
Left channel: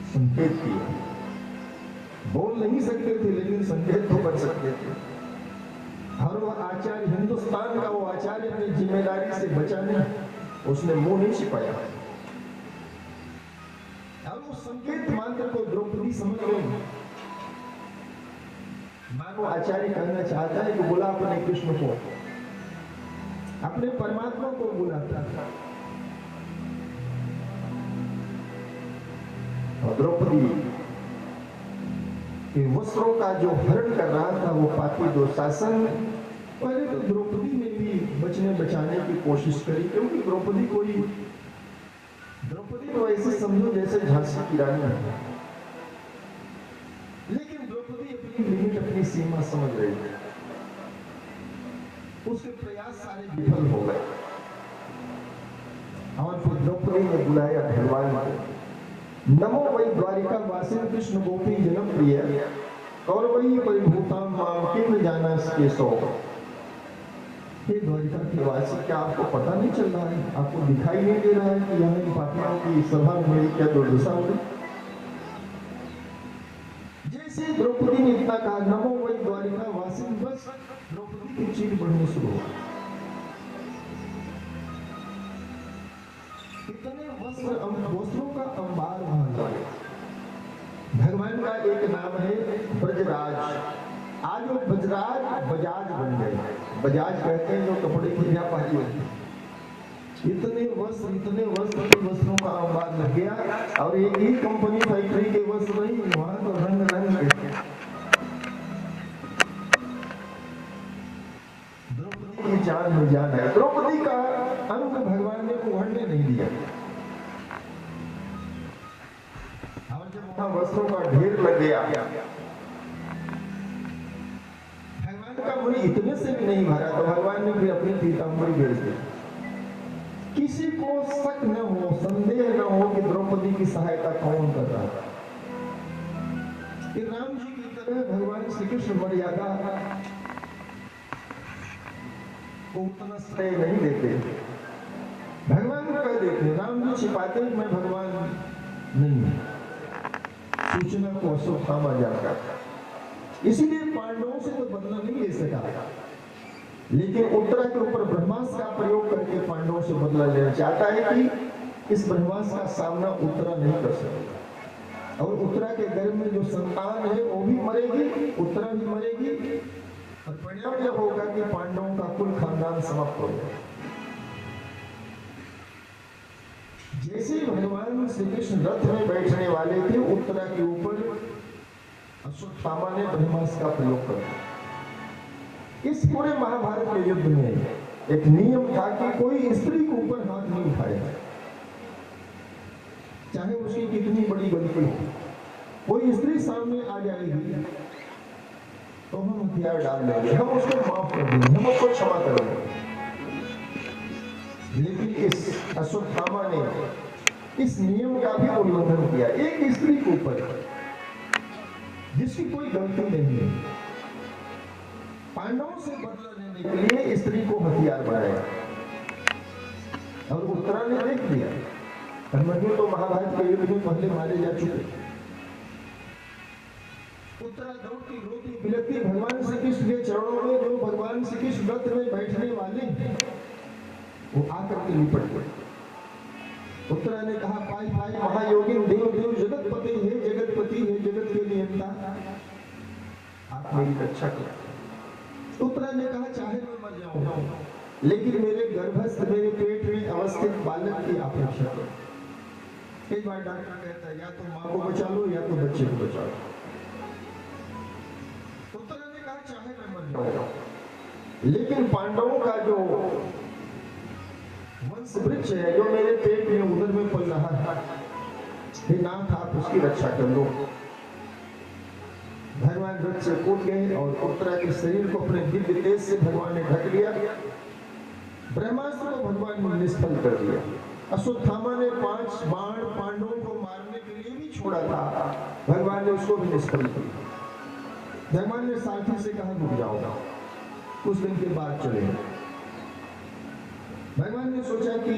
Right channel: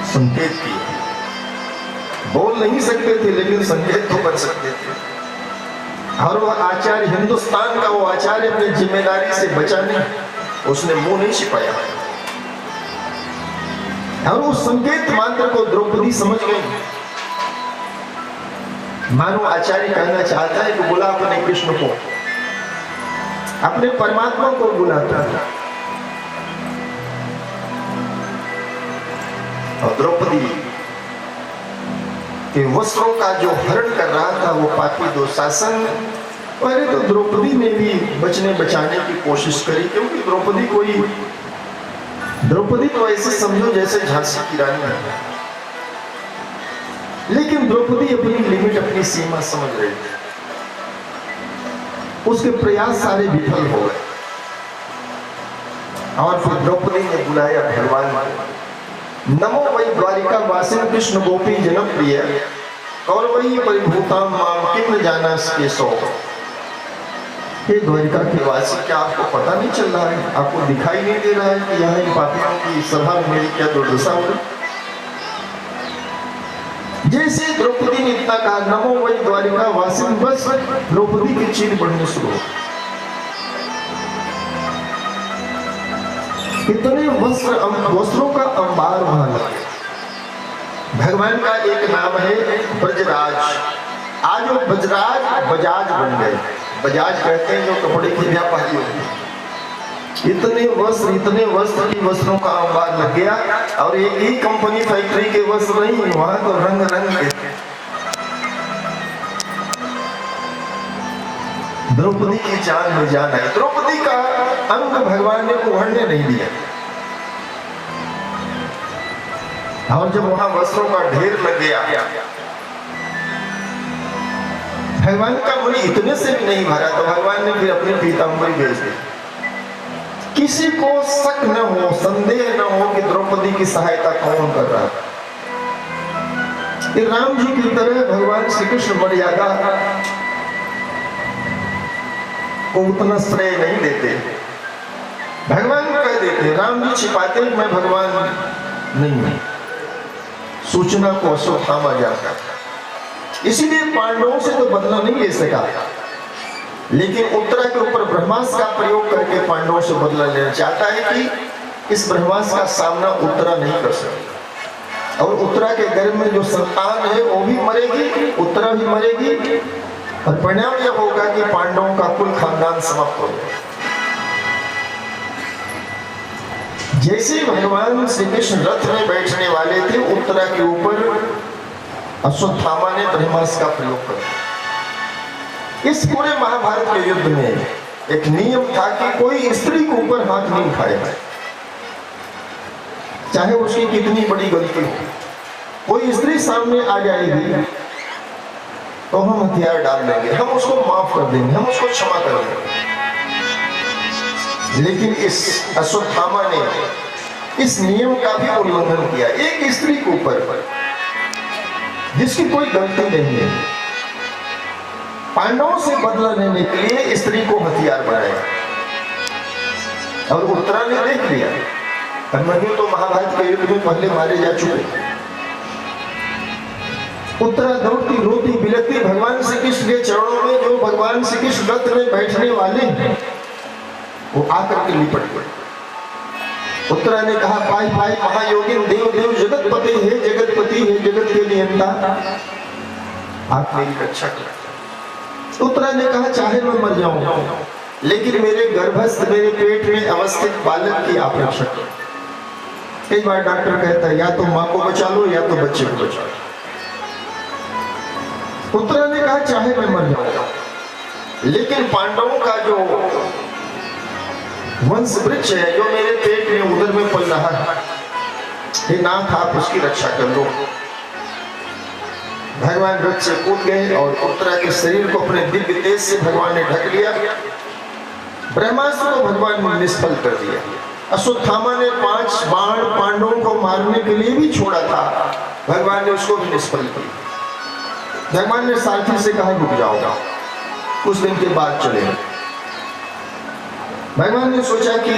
संकेत किया। बोल नहीं सकते थे, लेकिन संकेत तो कर सकते थे। और वह आचार्य, हिंदुस्तान का वो आचार्य, अपनी जिम्मेदारी से बचा नहीं, उसने मुंह नहीं छिपाया। और उस संकेत मात्र को द्रौपदी समझ गई। मानो आचार्य कहना चाहता है कि बुला अपने कृष्ण को, अपने परमात्मा को बुलाता है। और द्रौपदी के वस्त्रों का जो हरण कर रहा था वो पापी दुशासन। पहले तो द्रौपदी ने भी बचने बचाने की कोशिश करी, क्योंकि द्रौपदी तो ऐसे समझो जैसे झांसी की रानी है। लेकिन द्रौपदी अपनी लिमिट, अपनी सीमा समझ रही थी। उसके प्रयास सारे विफल हो गए। और फिर द्रौपदी ने बुलाया भगवान को। नमो वै द्वारिका वासिन कृष्ण गोपी जनप्रिय कौरवई परिभूताम माम किम जानास केशव। हे द्वारिका के वासी, क्या आपको पता नहीं चल रहा है, आपको दिखाई नहीं दे रहा है कि यहाँ इन पापियों की सभा में मेरी क्या दुर्दशा हो रही। जैसे द्रौपदी ने इतना कहा नमो वै द्वारिका वासिन, बस द्रौपदी की चीर बढ़ने शुरू हो। इतने वस्त्रों का अंबार वहां लगे। भगवान का एक नाम है ब्रजराज। आज वो ब्रजराज बजाज बन गए। बजाज कहते हैं जो कपड़े की व्यापारी होते हैं। इतने वस्त्र की वस्त्रों का अंबार लग गया। और एक ही कंपनी फैक्ट्री के वस्त्र नहीं, वहां तो रंग रंग के। द्रौपदी की जान में जान आई। द्रौपदी का अंग भगवान ने उभरने नहीं दिया। और जब वहां वस्त्रों का ढेर लग गया, भगवान का मन इतने से भी नहीं भरा, तो भगवान ने फिर अपने पीताम्बरी भेज दी। किसी को शक न हो, संदेह न हो कि द्रौपदी की सहायता कौन कर रहा है। राम जी की तरह भगवान श्री कृष्ण मर्यादा को उतना श्रेय नहीं देते। भगवान कह देते, राम जी छिपाते, मैं भगवान नहीं हूं। सूचना को अश्वत्थामा जाता। इसीलिए पांडवों से तो बदला नहीं ले सका। लेकिन उत्तरा के ऊपर ब्रह्मास्त्र का प्रयोग करके पांडवों से बदला लेना चाहता है कि इस ब्रह्मास्त्र का सामना उत्तरा नहीं कर सकेगा और उत्तरा के गर्भ में जो संतान है वो भी मरेगी, उत्तरा भी मरेगी और परिणाम यह होगा कि पांडवों का कुल खानदान समाप्त हो जाएगा। जैसे भगवान श्री कृष्ण रथ में बैठने वाले थे, उत्तरा के ऊपर अश्वत्थामा ने ब्रह्मास्त्र का प्रयोग किया। इस पूरे महाभारत के युद्ध में एक नियम था कि कोई स्त्री के ऊपर हाथ नहीं उठाएगा, चाहे उसकी कितनी बड़ी गलती हो। कोई स्त्री सामने आ जाएगी तो हम हथियार डाल देंगे, हम उसको माफ कर देंगे, हम उसको क्षमा कर देंगे। लेकिन इस अश्वत्थामा ने इस नियम का भी उल्लंघन किया। एक स्त्री के ऊपर जिसकी कोई गलती नहीं है, पांडवों से बदला लेने के लिए स्त्री को हथियार बनाया और उत्तरा ने देख लिया। अभिमन्यु तो महाभारत के युद्ध में पहले मारे जा चुके। उत्तरा दौड़ती रोती बिलखती भगवान श्री कृष्ण के चरणों में, जो भगवान श्री कृष्ण रथ में बैठने वाले हैं, वो आकर के लिपट गए। उत्तरा ने कहा, पाई पाई महायोगिन देव देव जगतपति है, जगतपति है, जगत के नियंता, आप मेरी रक्षा करें। उत्तरा ने कहा, चाहे मैं मर जाऊं लेकिन मेरे गर्भस्थ, मेरे पेट में अवस्थित बालक की आप रक्षा करें। कई बार डॉक्टर कहता है या तो माँ को बचा लो या तो बच्चे को बचा लो। उत्तरा ने कहा, चाहे मैं मर जाऊंगा लेकिन पांडवों का जो वंश वृक्ष है, जो मेरे पेट में उदर में पल रहा है, हे नाथ आप उसकी रक्षा कर लो। भगवान रथ से कूद गए और उत्तरा के शरीर को अपने दिव्य तेज से भगवान ने ढक लिया। ब्रह्मास्त्र को भगवान ने निष्फल कर दिया। अश्वत्थामा ने 5 बाण पांडवों को मारने के लिए भी छोड़ा था, भगवान ने उसको भी निष्फल किया। भगवान ने सारथी से कहा, रुक जाओ, कुछ दिन के बाद चले। भगवान ने सोचा कि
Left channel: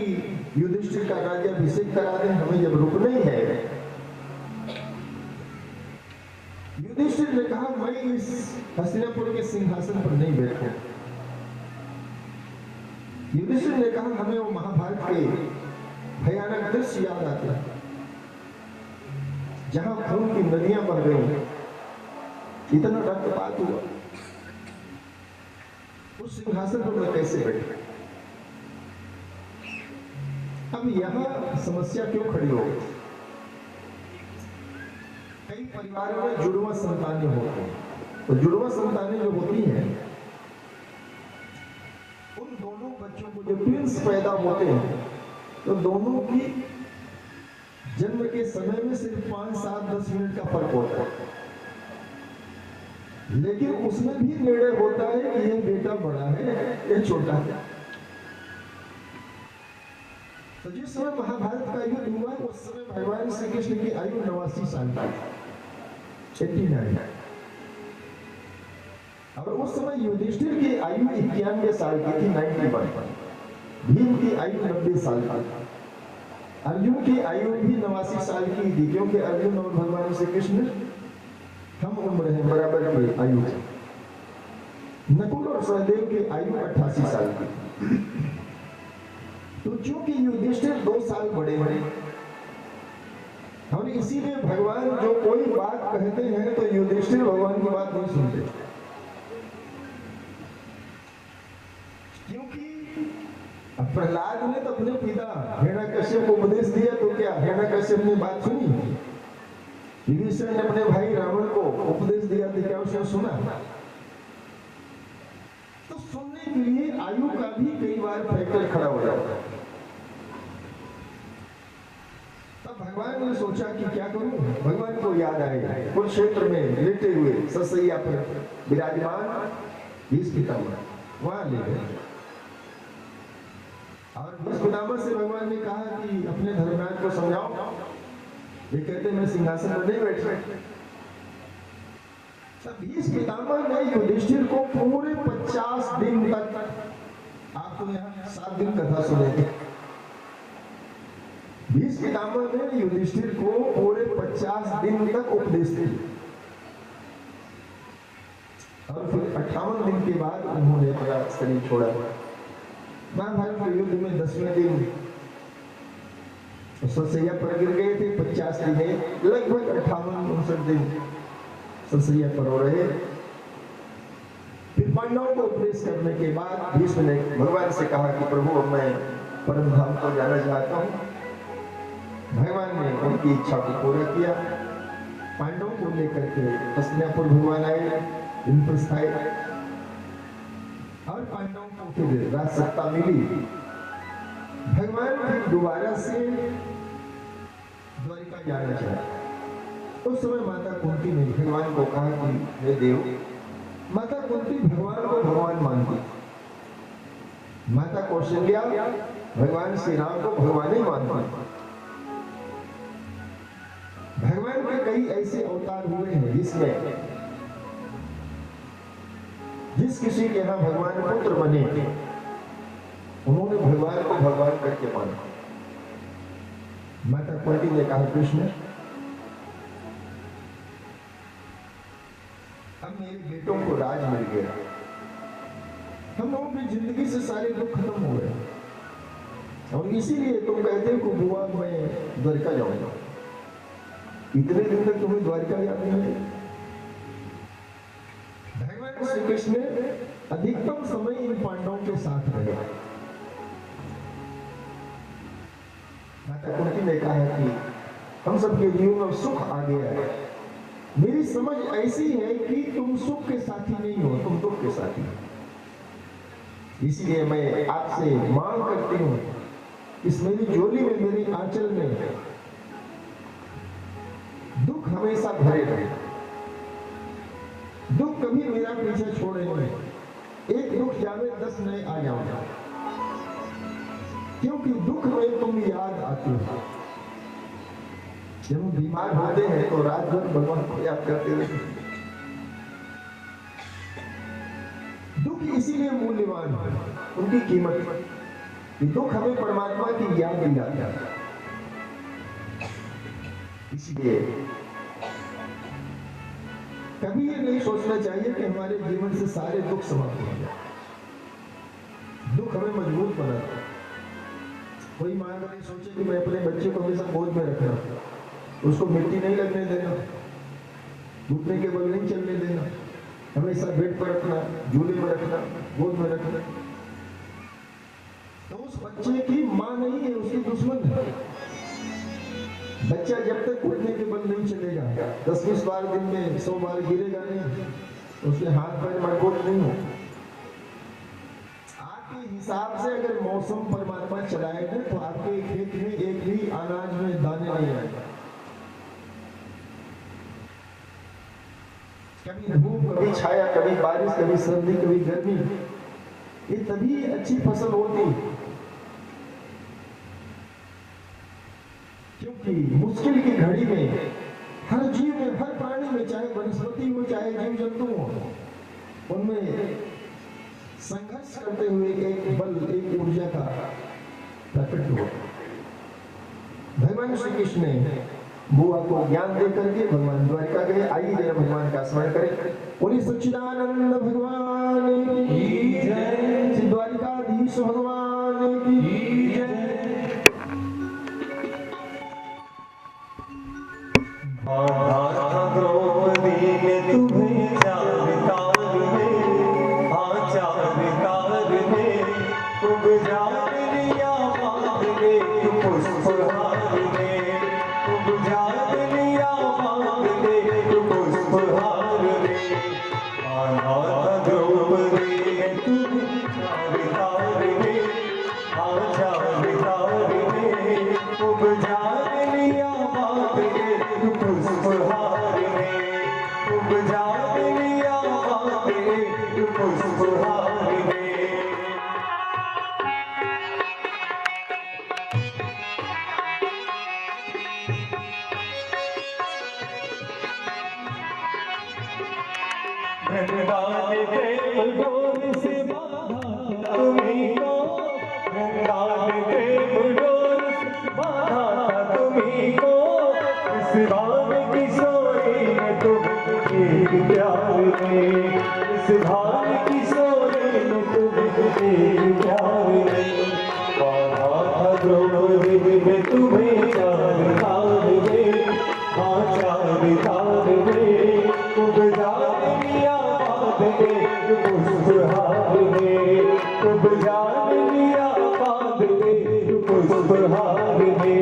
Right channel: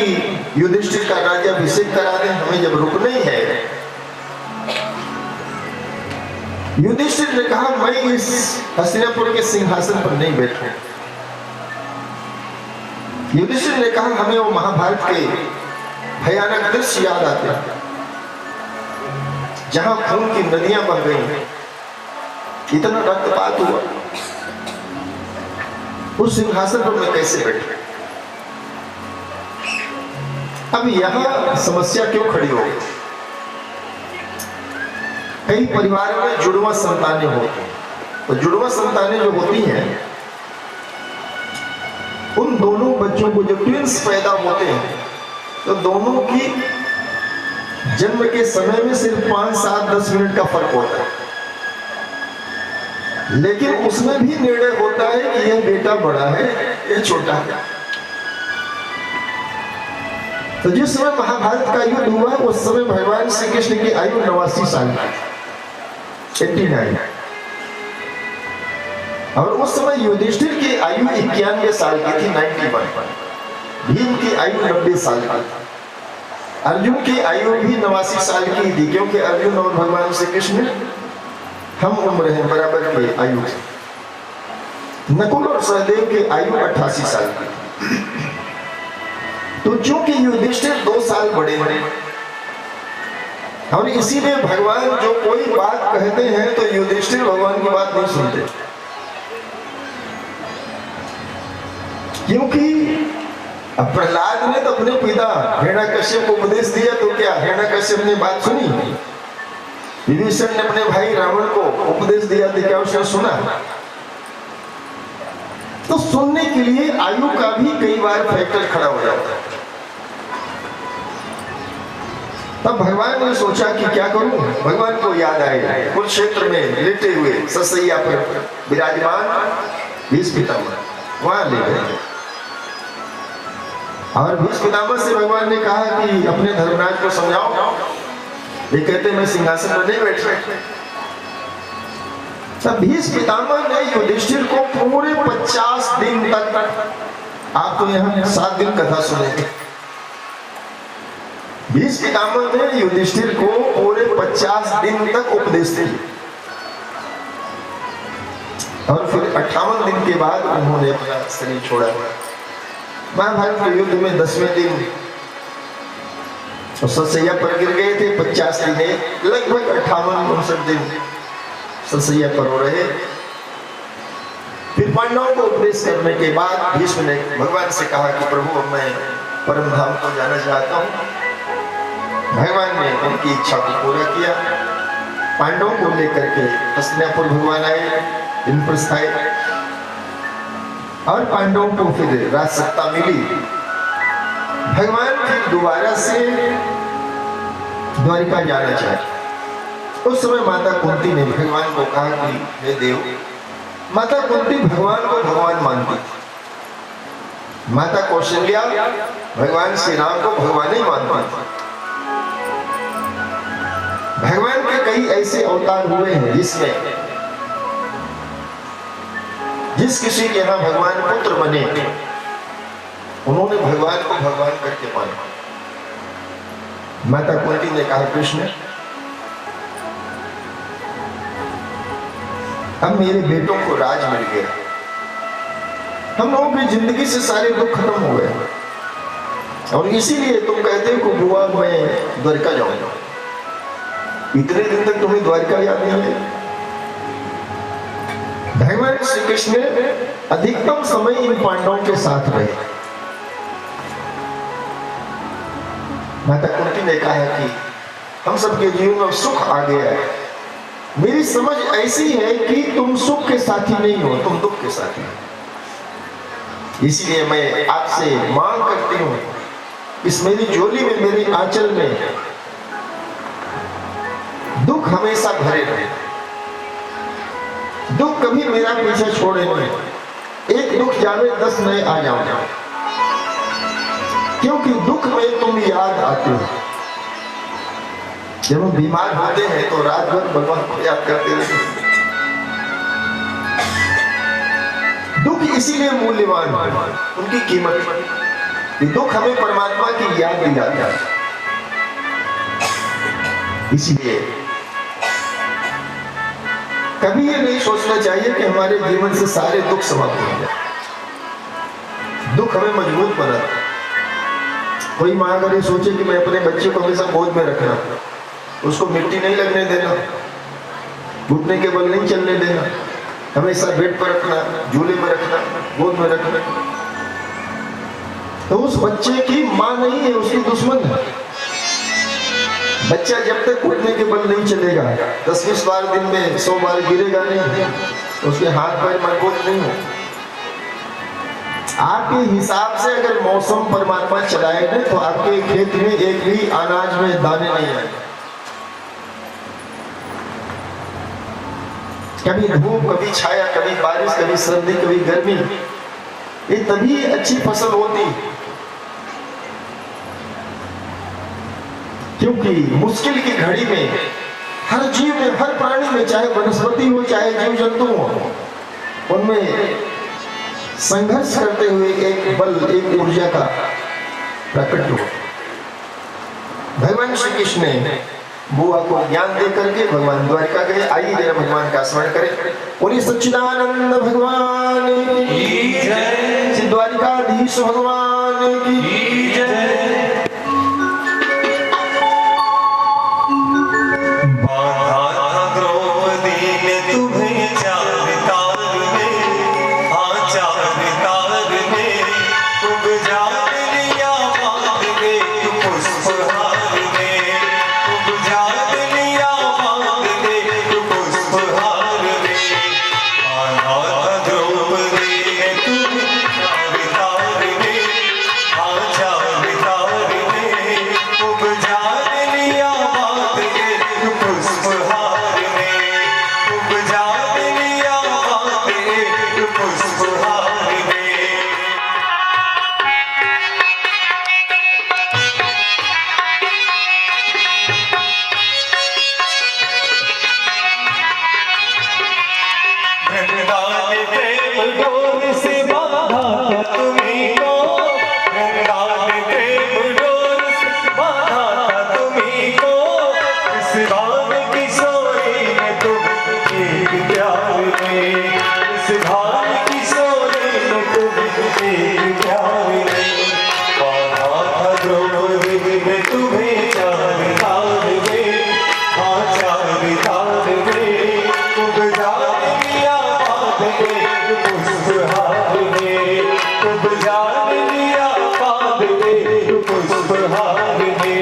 युधिष्ठिर का राज्याभिषेक करा दें, हमें जब रुकना ही है। युधिष्ठिर ने कहा, मैं इस हस्तिनापुर के सिंहासन पर नहीं बैठूं। युधिष्ठिर ने कहा, हमें वो महाभारत के भयानक दृश्य याद आते हैं जहां खून की नदियां बह गई, इतना रक्तपात हुआ, उस सिंहासन पर मैं कैसे बैठूं। अब यहां समस्या क्यों खड़ी हो गई? कई परिवार में जुड़वा संतानें होती हैं, तो जुड़वा संतानें जो होती हैं, उन दोनों बच्चों को, जो ट्विंस पैदा होते हैं, तो दोनों की जन्म के समय में सिर्फ 5, 7, 10 मिनट का फर्क होता है, लेकिन उसमें भी निर्णय होता है कि यह बेटा बड़ा है, यह छोटा है। तो जिस समय महाभारत का युद्ध हुआ, उस समय भगवान श्री कृष्ण की आयु 89 साल की, 89, और उस समय युधिष्ठिर की आयु 91 साल की थी, 91। भीम की आयु 90 साल की, अर्जुन की आयु भी 89 साल की थी, क्योंकि अर्जुन और भगवान श्री कृष्ण हम उम्र हैं, बराबर की आयु से। नकुल और सहदेव की आयु 88 साल की थी। तो चूंकि युधिष्ठिर 2 साल बड़े हैं, और इसीलिए भगवान जो कोई बात कहते हैं तो युधिष्ठिर भगवान की बात नहीं सुनते, क्योंकि अब प्रहलाद ने तो अपने पिता हिरण्यकश्यप को उपदेश दिया, तो क्या हिरण्यकश्यप ने बात सुनी? विभीषण ने अपने भाई रावण को उपदेश दिया, तो क्या उसने सुना? तो सुनने के लिए आयु का भी कई बार फैक्टर खड़ा हो जाता है। तब भगवान ने सोचा कि क्या करूं। भगवान को याद आएगा, कुरुक्षेत्र में लेटे हुए ससैया पर विराजमान भीष्म पितामह वहां ले गए, और भीष्म पितामह से भगवान ने कहा कि अपने धर्मराज को समझाओ, ये कहते मैं सिंहासन पर नहीं बैठ रहे। तब भीष्म पितामह ने युधिष्ठिर को पूरे 50 दिन तक, आप तो यहाँ 7 दिन कथा सुनेंगे, भीष्म पितामह ने युधिष्ठिर को पूरे 50 दिन तक उपदेश दिए। और फिर 58 दिन के बाद उन्होंने अपना शरीर छोड़ा। महाभारत के युद्ध में 10वें दिन सतसैया पर गिर गए थे। 50 दिन लगभग 58-59 दिन सतसैया पर हो रहे। फिर पांडवों को उपदेश करने के बाद भीष्म ने भगवान से कहा कि प्रभु अब मैं परम धाम को जाना चाहता हूँ। भगवान ने उनकी इच्छा को पूरा किया। पांडवों को लेकर के हस्तिनापुर भगवान आए, इंद्रप्रस्थ आए और पांडवों को फिर राज सत्ता मिली। भगवान फिर दोबारा से द्वारिका जाना चाहे। उस समय माता कुंती ने भगवान को कहा कि हे देव, माता कुंती भगवान को भगवान मानती थी। माता कौशल्या भगवान श्री राम को भगवान ही मानती थी। भगवान के कई ऐसे अवतार हुए हैं जिसमें जिस किसी के यहाँ भगवान पुत्र बने उन्होंने भगवान को भगवान करके माना। माता कुंती ने कहा कृष्ण, अब मेरे बेटों को राज मिल गया, हम लोगों की जिंदगी से सारे दुख खत्म हो गए और इसीलिए तुम कहते हो कि बुआ मैं द्वारिका जाऊंगा। इतने दिन तक तुम्हें द्वारिका याद नहीं है। भगवान श्री कृष्ण अधिकतम समय इन पांडवों के साथ रहे। माता कुंती ने कहा कि हम सबके जीवन में सुख आ गया है। मेरी समझ ऐसी है कि तुम सुख के साथी नहीं हो, तुम दुख के साथी हो। इसलिए मैं आपसे मांग करती हूं, इस मेरी झोली में, मेरे आंचल में दुख हमेशा भरे रहे। दुख कभी मेरा पीछे छोड़े नहीं। एक दुख जावे 10 नए आ जाओ, क्योंकि दुख में तुम याद आते हो। जब हम बीमार होते हैं तो रात भर भगवान को याद करते रहते हैं। दुख इसीलिए मूल्यवान है, उनकी कीमत। दुख हमें परमात्मा की याद दिलाता है। इसीलिए कभी ये नहीं सोचना चाहिए कि हमारे जीवन से सारे दुख समाप्त हो जाए। दुख हमें मजबूत बनाता है। कोई माँ अगर ये सोचे कि मैं अपने बच्चे को हमेशा गोद में रखना, उसको मिट्टी नहीं लगने देना, घुटने के बल नहीं चलने देना, हमेशा बेड पर रखना, झूले में रखना, गोद में रखना, तो उस बच्चे की माँ नहीं है, उसकी दुश्मन है। बच्चा जब तक घुटने के बल नहीं चलेगा, 10-20 बार दिन में 100 बार गिरेगा नहीं, उसके हाथ पैर मजबूत नहीं हो। आपके हिसाब से अगर मौसम परमात्मा चलाएगा तो आपके खेत में एक भी अनाज में दाने नहीं आएंगे। कभी धूप, कभी छाया, कभी बारिश, कभी सर्दी, कभी गर्मी, ये तभी अच्छी फसल होती। क्योंकि मुश्किल की घड़ी में हर जीव में, हर प्राणी में, चाहे वनस्पति हो चाहे जीव जंतु हो, उनमें संघर्ष करते हुए एक बल, एक ऊर्जा का प्रकट हो। भगवान श्री कृष्ण ने बुआ को ज्ञान दे करके भगवान द्वारिका गए। आइए जरा भगवान का स्मरण करें। बोलिए सच्चिदानंद भगवान की जय, द्वारिकाधीश भगवान की जय। आजा द्रौपदी ने तुम्हें चार तार में, हाँ चार तार में उपजा लिया बांध के पुष्पहार में, उपजा लिया बांध के पुष्पहार में।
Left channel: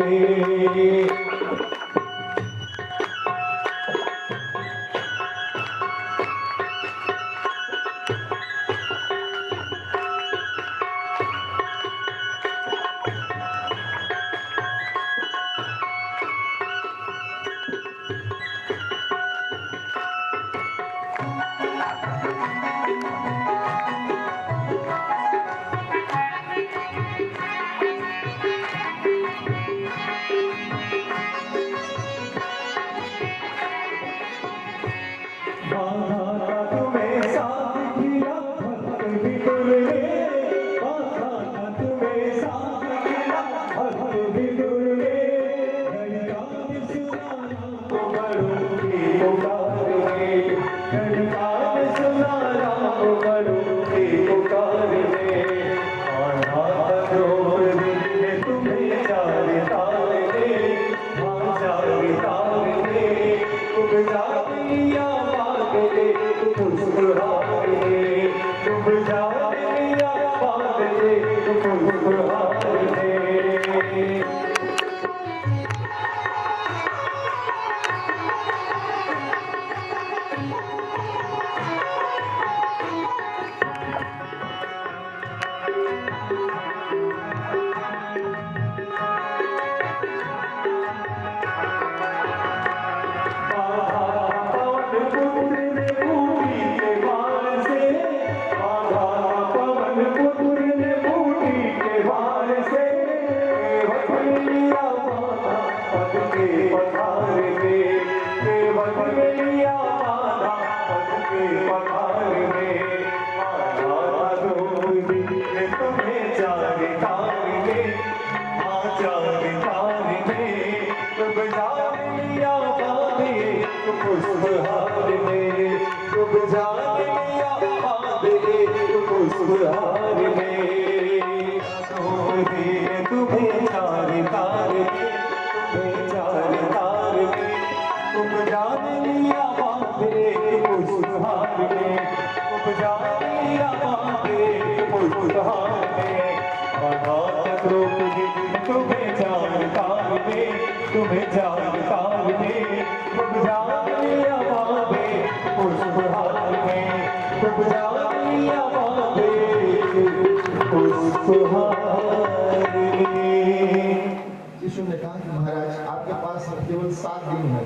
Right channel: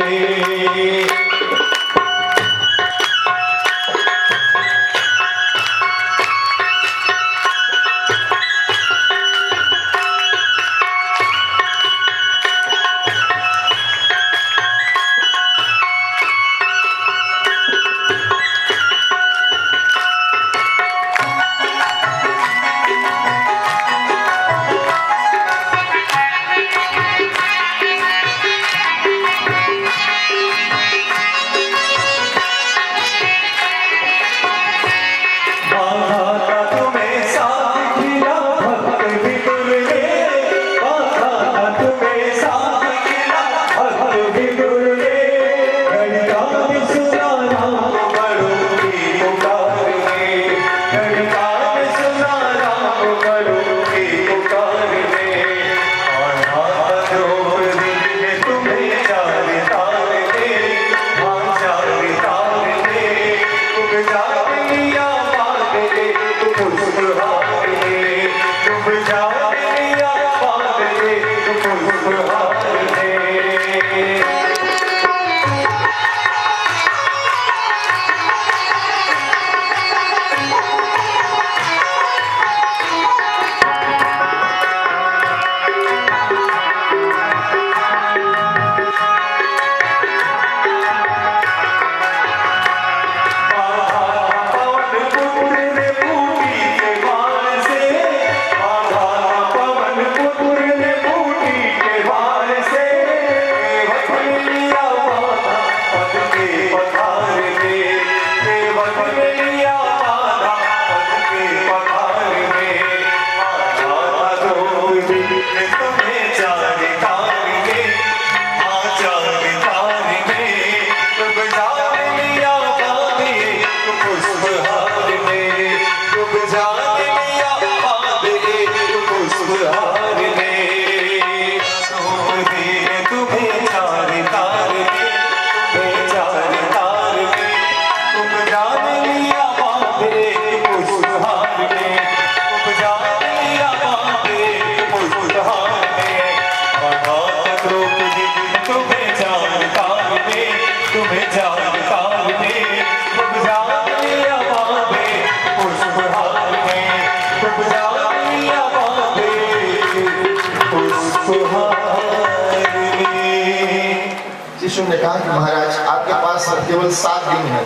शिशु ने कहा कि महाराज आपके पास केवल 7 दिन है,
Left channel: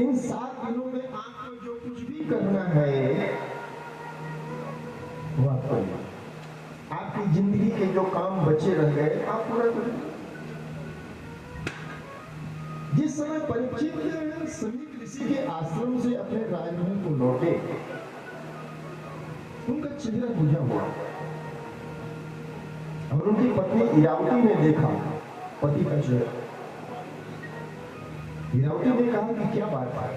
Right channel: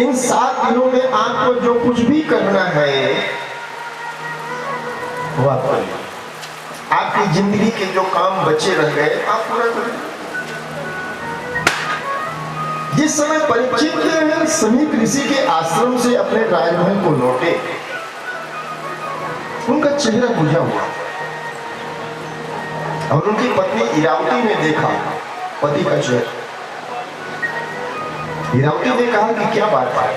इन 7 दिनों में आपको जो कुछ भी करना है वो आप करिए। आपकी जिंदगी के जो काम बचे रह गए आप पूरा करें। जिस समय परीक्षित समीप ऋषि के आश्रम से अपने राजमहल को लौटे, उनका चेहरा बुझा हुआ और उनकी पत्नी इरावती ने देखा पति का चेहरा। इरावती ने कहा कि क्या बात है,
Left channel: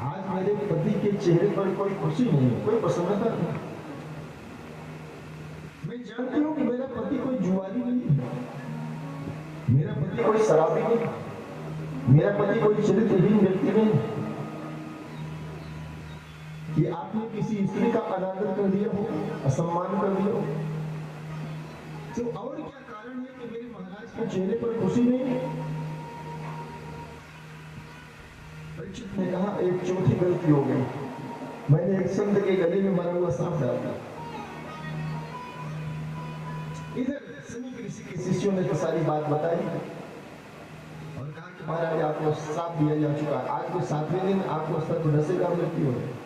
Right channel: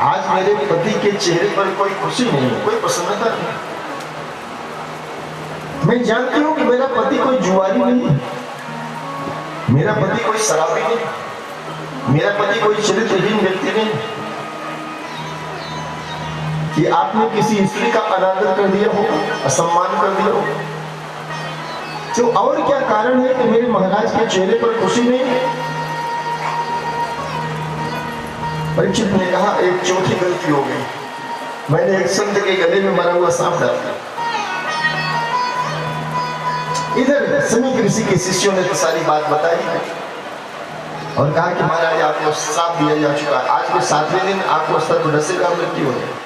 आज मेरे पति के चेहरे पर कोई खुशी नहीं, कोई प्रसन्नता नहीं। मैं जानती हूं कि मेरा पति कोई जुआरी नहीं, मेरा पति कोई शराबी नहीं, मेरा पति कोई चरित्रहीन व्यक्ति नहीं कि आपने किसी स्त्री का अनादर कर दिया हो, असम्मान कर दिया हो। तो और क्या कारण है कि मेरे महाराज के चेहरे पर खुशी नहीं? परीक्षित ने कहा एक चौथी गलती हो गई, मैंने एक संत के गले में मरा हुआ सांप डाल दिया। इधर समीप ऋषि के शिष्यों ने तो सारी बात बताई और कहा कि महाराज आपको श्राप दिया जा चुका है, आज के 7वें दिन आपको सर्पदंश का मृत्यु हो जाए।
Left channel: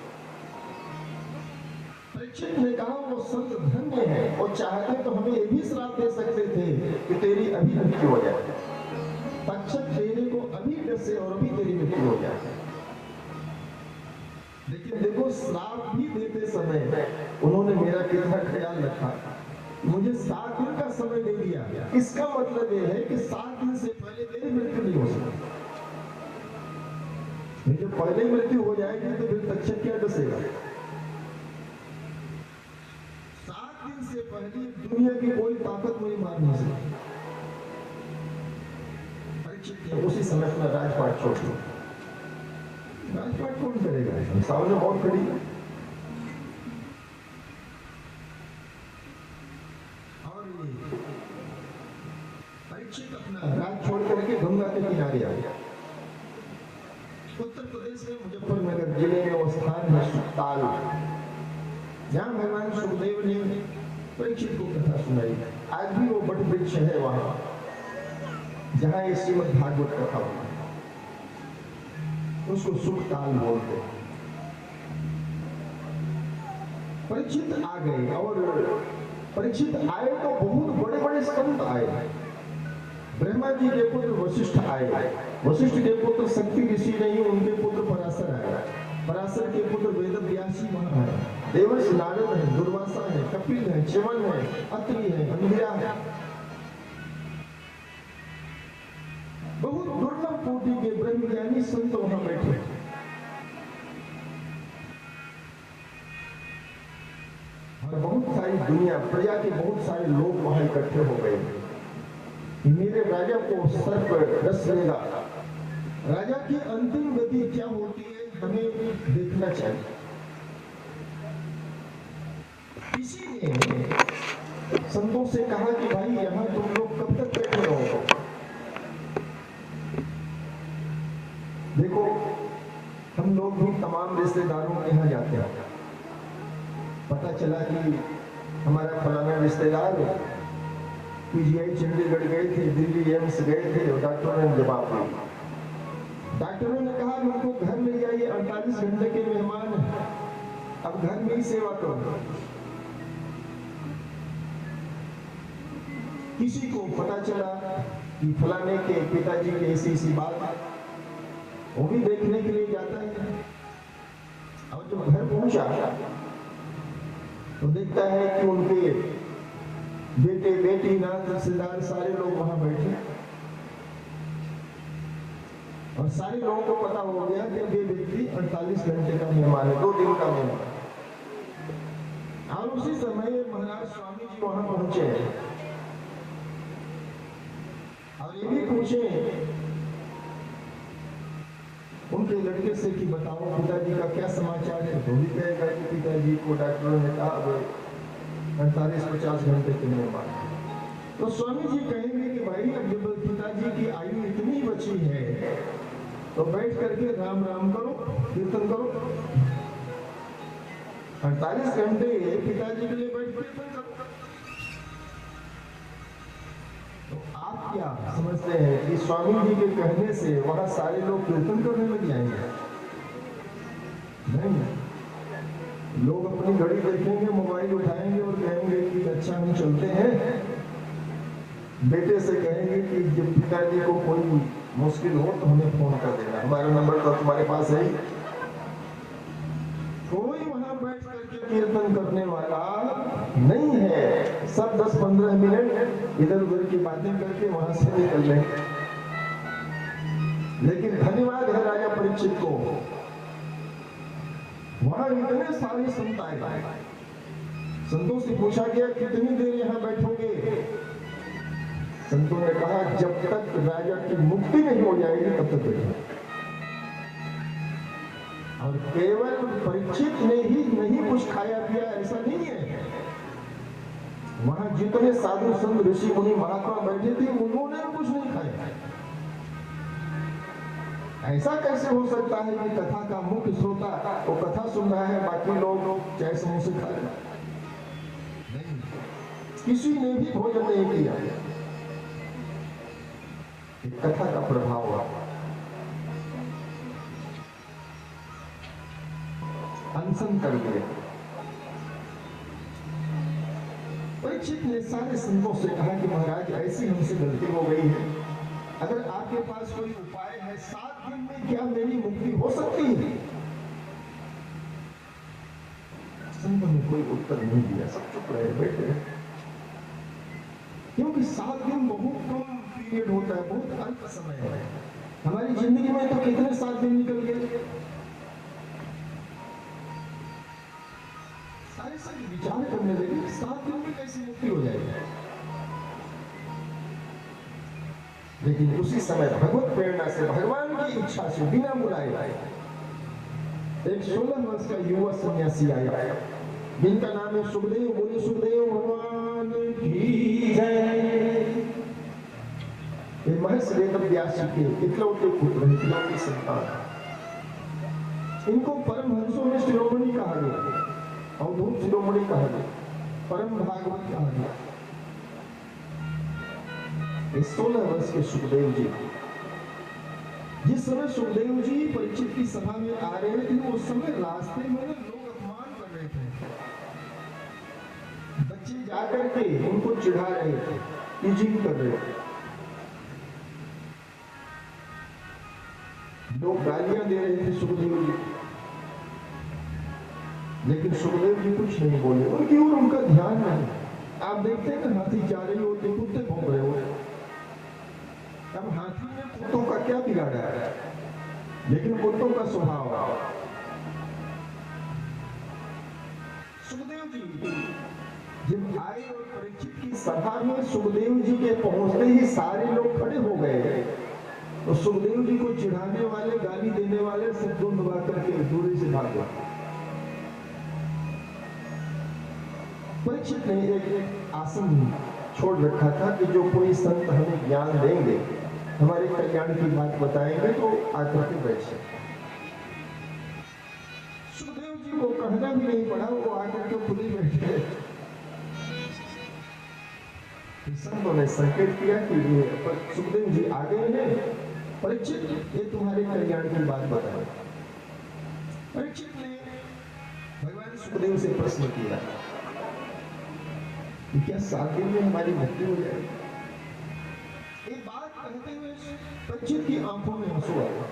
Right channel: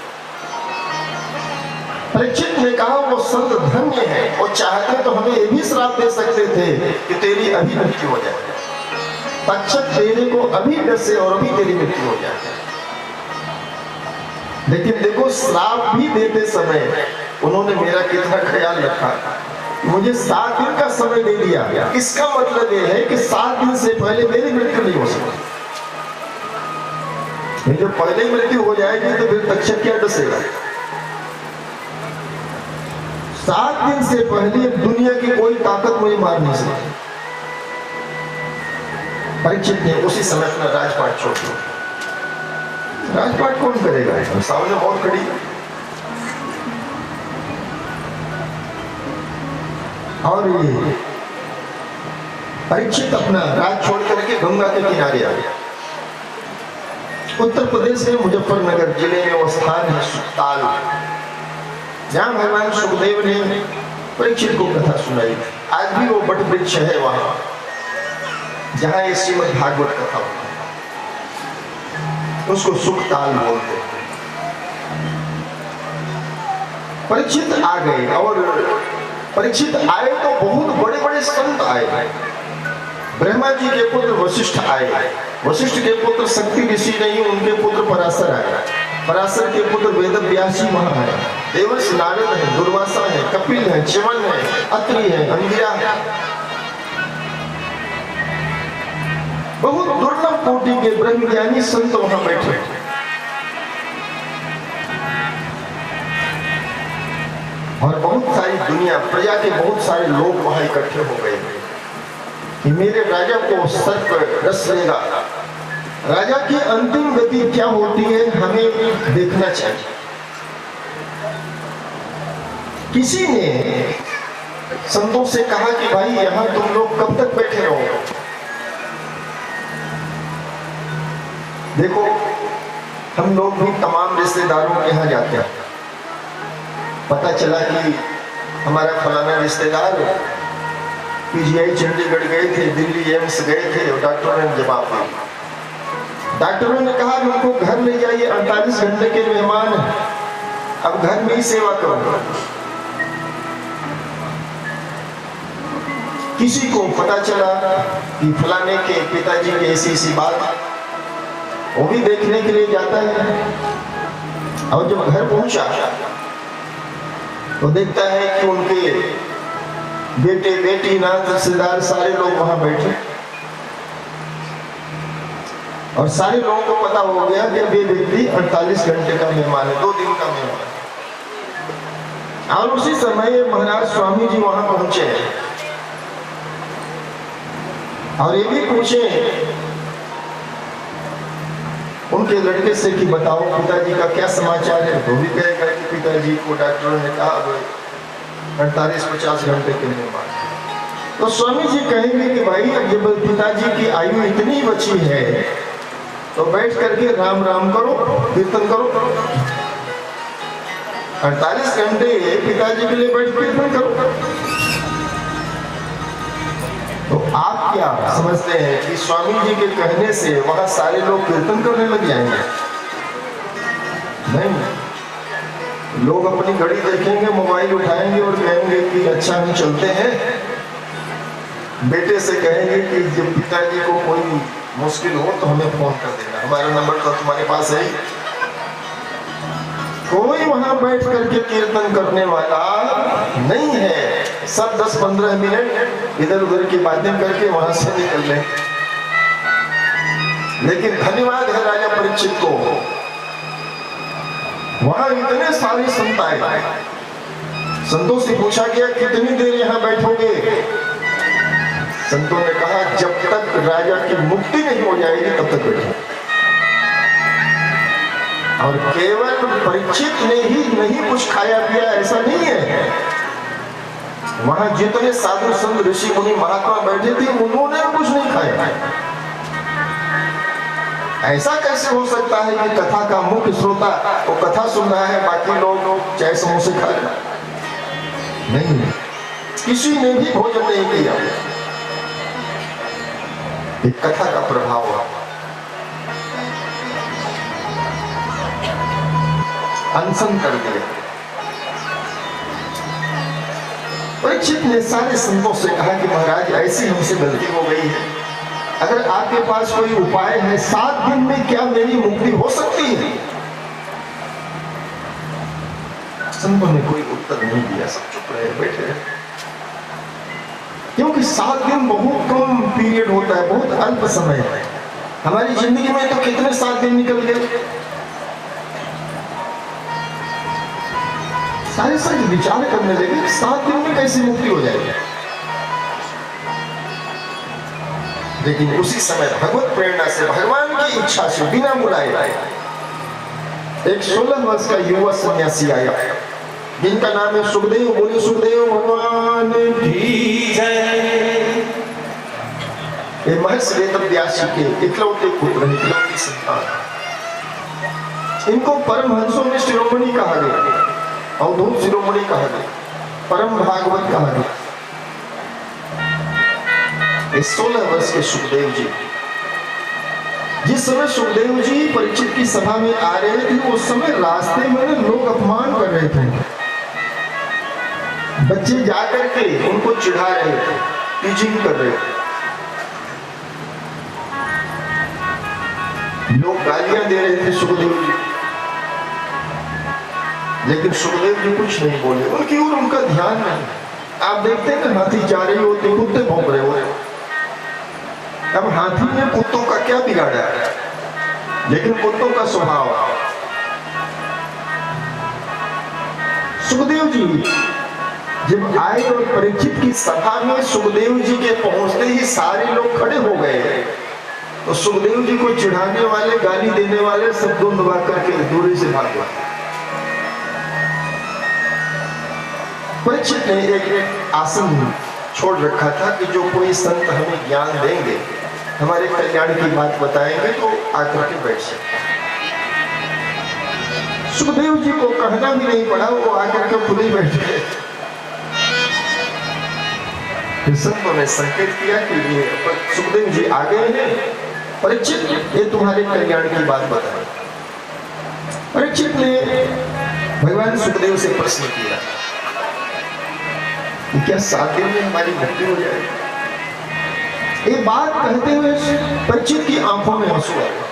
परीक्षित ने कहा वो संत धन्य है, वो चाहते तो हमें ये भी श्राप दे सकते थे कि तेरी अभी मृत्यु हो जाए, तक्षक तेरे को अभी डसे और अभी तेरी मृत्यु हो जाए। लेकिन देखो श्राप भी देते समय उन्होंने मेरा कितना ख्याल रखा, मुझे 7 दिन का समय दे दिया। इसका मतलब ये है कि 7 दिन से पहले मेरी मृत्यु नहीं हो सकती। जो पहले ही मृत्यु हो जाएगी तो फिर तक्षक क्या डसेगा। 7 दिन से पहले दुनिया की कोई ताकत मुझे मार नहीं सकते। परीक्षित ने उसी समय अपना राजपाट छोड़ दिया। राजपाट कौन करेगा? सामने मौत खड़ी है। और ये परीक्षित अपना राज छोड़ करके गंगा के किनारे आ गया। उत्तर प्रदेश में मुजफ्फरनगर जिले में वो स्थान है सुखताल, जहां भगवान सुखदेव ने परीक्षित को कथा सुनाई। आज भी वो बट वृक्ष है वहां जहां ये श्रीमद् भागवत कथा होती है, उसको सुखताल बोलते हैं। परीक्षित आ गए और परीक्षित आए तो बहुत बड़े बड़े संत आए। ब्रह्मा जी के पुत्र वशिष्ठ आए, वशिष्ठ के पुत्र शक्ति ऋषि नहीं, उनके पुत्र पराशर आए, पराशर के पुत्र वेद व्यास जी वहां है, देवर्ष नारद है, दुर्वासा है, कपिल है, च्यवन है, अत्रि है, अंगिरा है। बहुत दुर्लभ कोटि के ब्रह्मज्ञानी संत वहां बैठे। और बहुत सारी दुनिया, प्रजा के बहुत सारे लोग वहां इकट्ठे हो गए कि मेरे राजा को सर्प रस लेगा, राजा की अंतिम गति क्या होती है हमें देखना चाहिए। किसी ने संतों से कहा कि भाई यहां तुम लोग कब तक बैठे रहोगे? देखो, हम लोग भी तमाम रिश्तेदारों के यहाँ जाते हैं। पता चला कि हमारा फलाना रिश्तेदार पीजीआई चंडीगढ़ गए थे, दिल्ली एम्स गए थे, और डॉक्टरों ने जवाब दिया। डॉक्टरों ने कहा उनको घर ले जाइए, 48 घंटे के मेहमान हैं, अब घर में ही सेवा करो। किसी को पता चला कि फलाने के पिताजी की ऐसी बात, वो भी देखने के लिए जाता है। और जब घर पहुंचा तो देखता है कि उनके बेटे बेटी नात रिश्तेदार सारे लोग वहां बैठे, और सारे लोगों को पता हो गया कि वे व्यक्ति 48 घंटे का मेहमान है, 2 दिन का मेहमान। और उसी समय महाराज स्वामी जी वहां पहुंचे और ये भी पूछे उनके लड़के से कि बताओ पिताजी का क्या समाचार है। तो भी कहेगा कि पिताजी को डॉक्टरों ने कहा 48-50 घंटे के मेहमान। तो स्वामी जी कहेंगे कि भाई अब जब पिताजी की आयु इतनी बची है तो बैठ करके राम राम करो, कीर्तन करो। 48 घंटे पिताजी के लिए बैठ कीर्तन करो। तो आप क्या समझते हैं कि स्वामी जी के कहने से वहां सारे लोग कीर्तन करने लग जाएंगे? नहीं, लोग अपनी घड़ी देखेंगे, मोबाइल उठाएंगे और कहेंगे कि अच्छा हम चलते हैं। बेटे से कहेंगे कि जब पिताजी को कोई मुश्किल हो तो हमें फोन कर देना, हमारा नंबर तो तुम्हारे पास है ही। कोई वहां बैठ करके कीर्तन करने वाला नहीं है। सब 10-15 मिनट इधर उधर की बातें करके वहां से निकल रहे। लेकिन धन्यवाद है राजा परीक्षित को, वहां इतने सारे संत आए। संतों से पूछा गया कितनी देर यहां बैठोगे? संतों ने कहा जब तक राजा की मुक्ति नहीं हो जाएगी तब तक बैठो। और केवल परीक्षित ने ही नहीं कुछ खाया पिया ऐसा नहीं है, वहां जितने साधु संत ऋषि मुनि महात्मा बैठे थे उन्होंने कुछ नहीं खाया। ऐसा कैसे हो सकता है कि कथा का मुख्य श्रोता वो कथा सुन रहा है, बाकी लोग चाय समोसे खा रहे? नहीं, किसी ने भी भोजन नहीं किया। एक कथा का प्रभाव हुआ, अनशन कर दिया। परीक्षित ने सारे संतों से कहा कि महाराज ऐसी हमसे गलती हो गई है, अगर आपके पास कोई उपाय है 7 दिन में क्या मेरी मुक्ति हो सकती है? संतों ने कोई उत्तर नहीं दिया, सब चुप रहे, बैठे रहे। क्योंकि 7 दिन बहुत कम पीरियड होता है, बहुत अल्प समय है। हमारी जिंदगी में तो कितने 7 दिन निकल गए। सारे संत विचार करने लगे 7 दिन में कैसे मुक्ति हो जाएगी। लेकिन उसी समय भगवत प्रेरणा से, भगवान की इच्छा से, बिना बुलाए एक 16 वर्ष का युवा सन्यासी आया जिनका नाम है सुखदेव। बोले सुखदेव भगवान की जय। ये महर्षि वेदव्यास जी के इकलौते पुत्र, इकलौती संतान। इनको परमहंसों में शिरोमणि कहा गया, अवधूत शिरोमणि कहा गया, परम भागवत कहा गया। 16 वर्ष के सुखदेव जी, जिस समय सुखदेव जी परीक्षित की सभा में आ रहे थे, उस समय रास्ते में लोग अपमान कर रहे थे। बच्चे जाकर के उनको चिढ़ा रहे थे, टीचिंग कर रहे थे, लोग गालियां दे रहे थे सुखदेव जी। लेकिन सुखदेव जी कुछ नहीं बोले, उनकी ओर उनका ध्यान नहीं। आप देखते हैं हाथी जा रही होती, कुत्ते भौंक रहे होते। अब हाथी ने कुत्तों का क्या बिगाड़ा है, लेकिन कुत्तों का स्वभाव। सुखदेव जी जब आए और परीक्षित की सभा में सुखदेव जी के पहुंचते ही सारे लोग खड़े हो गए, तो सुखदेव जी को चिढ़ाने वाले, गाली देने वाले सब दुम दबा करके दूरी से भाग गए। परीक्षित ने एक आसन छोड़ रखा था कि जो कोई संत हमें ज्ञान देंगे, हमारे कल्याण की बात बताएंगे, तो आकर के बैठ सकते। सुखदेव जी को कहना भी नहीं पड़ा, वो आकर के खुद ही बैठ गए। फिर संतों ने संकेत किया कि ये सुखदेव जी आ गए हैं, परीक्षित ये तुम्हारे कल्याण की बात बताए। परीक्षित ने भगवान सुखदेव से प्रश्न किया कि क्या 7 दिन में हमारी मृत्यु हो जाएगी? ये बात कहते हुए परीक्षित की आंखों में आंसू आ गए।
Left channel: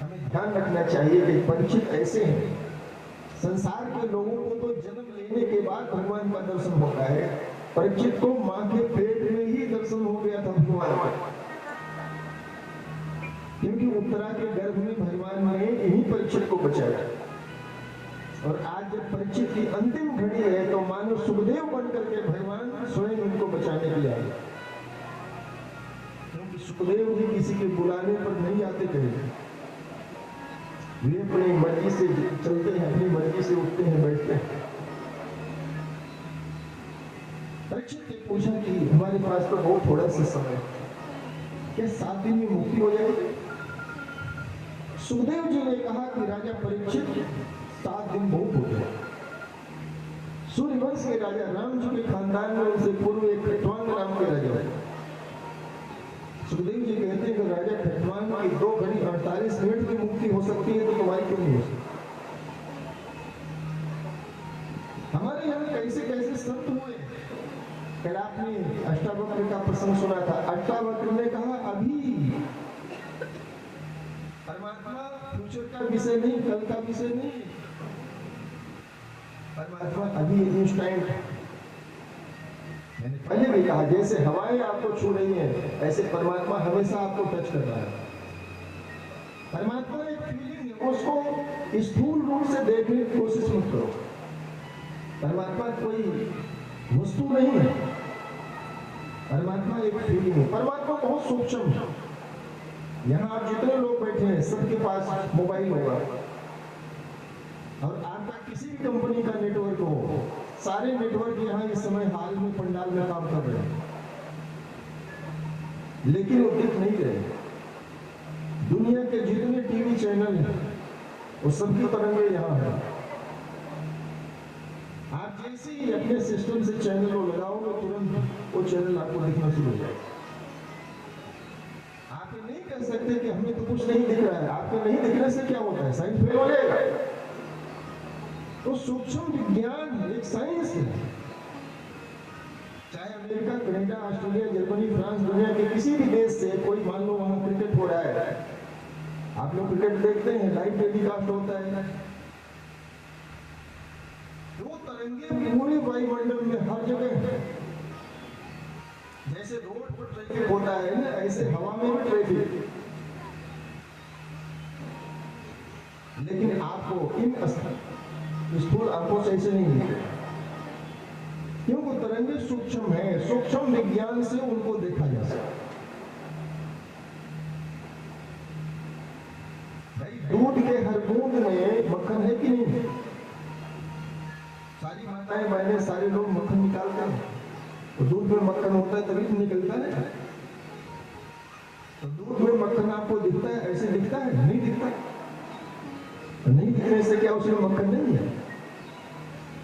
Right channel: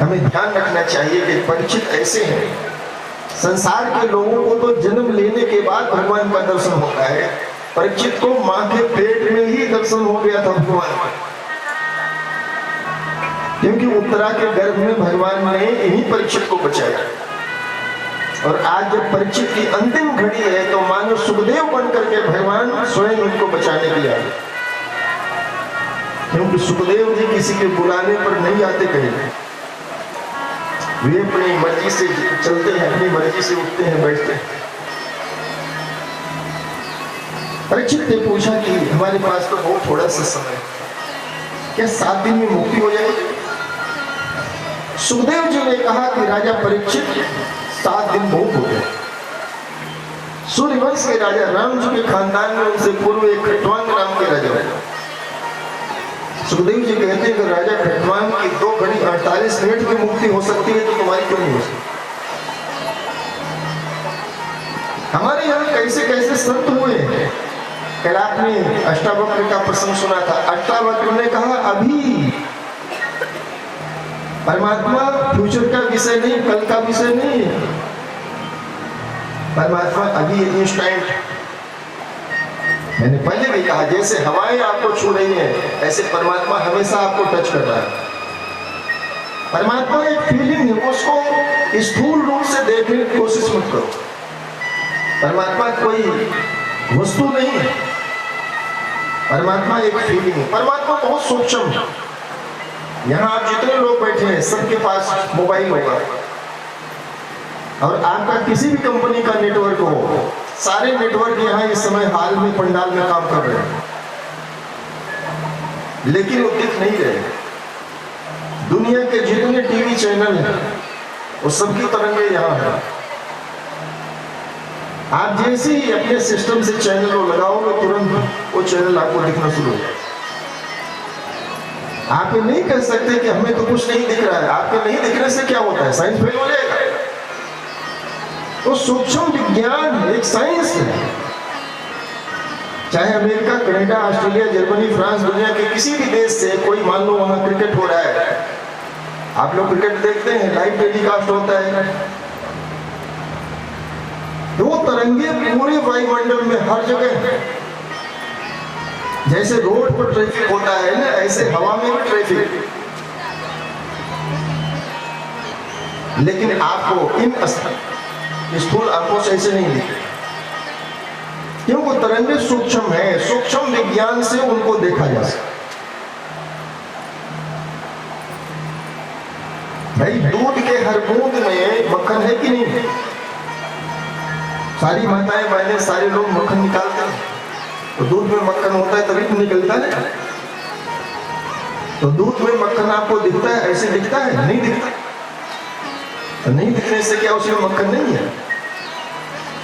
हमें ध्यान रखना चाहिए कि परीक्षित ऐसे हैं, संसार के लोगों को तो जन्म लेने के बाद भगवान का दर्शन होता है, परीक्षित को मां के पेट में ही दर्शन हो गया था भगवान का। क्योंकि उत्तरा के गर्भ में भगवान ने यही परीक्षित को बचाया। और आज जब परीक्षित की अंतिम घड़ी है, तो मानो सुखदेव बन करके भगवान स्वयं उनको बचाने के लिए आए। क्योंकि सुखदेव जी किसी के बुलाने पर नहीं आते कहीं, वे अपनी मर्जी से चलते हैं, अपनी मर्जी से उठते हैं, बैठते हैं। परीक्षित ने पूछा कि हमारे पास तो बहुत थोड़ा सा समय, क्या 7 दिन में मुक्ति हो जाएगी? सुखदेव जी ने कहा कि राजा परीक्षित, 7 दिन बहुत हो गए। सूर्यवंश के राजा राम जी के खानदान में उनसे पूर्व एक खटवांग नाम के राजा हुए। सुखदेव जी कहते हैं कि राजा खटवांग की 2 घड़ी 48 मिनट की मुक्ति हो सकती है, तो तुम्हारी क्यों नहीं हो सकती? हमारे यहाँ कैसे कैसे संत हुए हैं। कल आपने अष्टावक्र का प्रसंग सुना था। अष्टावक्र ने कहा अभी परमात्मा फ्यूचर का विषय नहीं, कल का विषय नहीं, परमात्मा अभी इंस्टेंट। मैंने पहले भी कहा, जैसे हवाएं आपको छू रही हैं, ऐसे परमात्मा हमेशा आपको टच कर रहा है। परमात्मा एक फीलिंग है, उसको स्थूल रूप से देखने की कोशिश मत करो। परमात्मा कोई वस्तु नहीं है, परमात्मा एक फीलिंग है। परमात्मा बहुत सूक्ष्म है। यहाँ आप जितने लोग बैठे हैं, सबके पास मोबाइल होगा, और आपका किसी भी कंपनी का नेटवर्क हो, सारे नेटवर्क यहाँ इस समय हाल में पंडाल में काम कर रहे हैं, लेकिन वो दिख नहीं रहे। दुनिया के जितने टीवी चैनल हैं, वो सबकी तरंगे यहाँ है। आप जैसे ही अपने सिस्टम से चैनल को लगाओगे, तुरंत वो चैनल आपको दिखना शुरू हो जाएगा। आप ये नहीं कह सकते कि हमें तो कुछ नहीं दिख रहा है। आपके नहीं दिखने से क्या होता है? साइंस फेल हो जाएगा। तो सूक्ष्म विज्ञान एक साइंस है। चाहे America, Canada, Australia, Germany, France, दुनिया के किसी भी देश से कोई, मान लो वहां क्रिकेट हो रहा है, आप लोग क्रिकेट देखते हैं, लाइव टेलीकास्ट होता है, तो वो तरंगे पूरे वायुमंडल में हर जगह है। जैसे रोड पर ट्रैफिक होता है ना, ऐसे हवा में भी ट्रैफिक। लेकिन आपको इन स्थूल आंखों से ऐसे नहीं दिखे, क्यों? वो तरंगे सूक्ष्म है, सूक्ष्म विज्ञान से उनको देखा जा सकता। भाई दूध के हर बूंद में मक्खन है कि नहीं? सारी माताएं बहनें सारे लोग मक्खन निकालते हैं, तो दूध में मक्खन होता है तभी तो निकलता है। तो दूध में मक्खन आपको दिखता है, ऐसे दिखता है? नहीं दिखता। तो नहीं दिखने से क्या उसमें मक्खन नहीं है?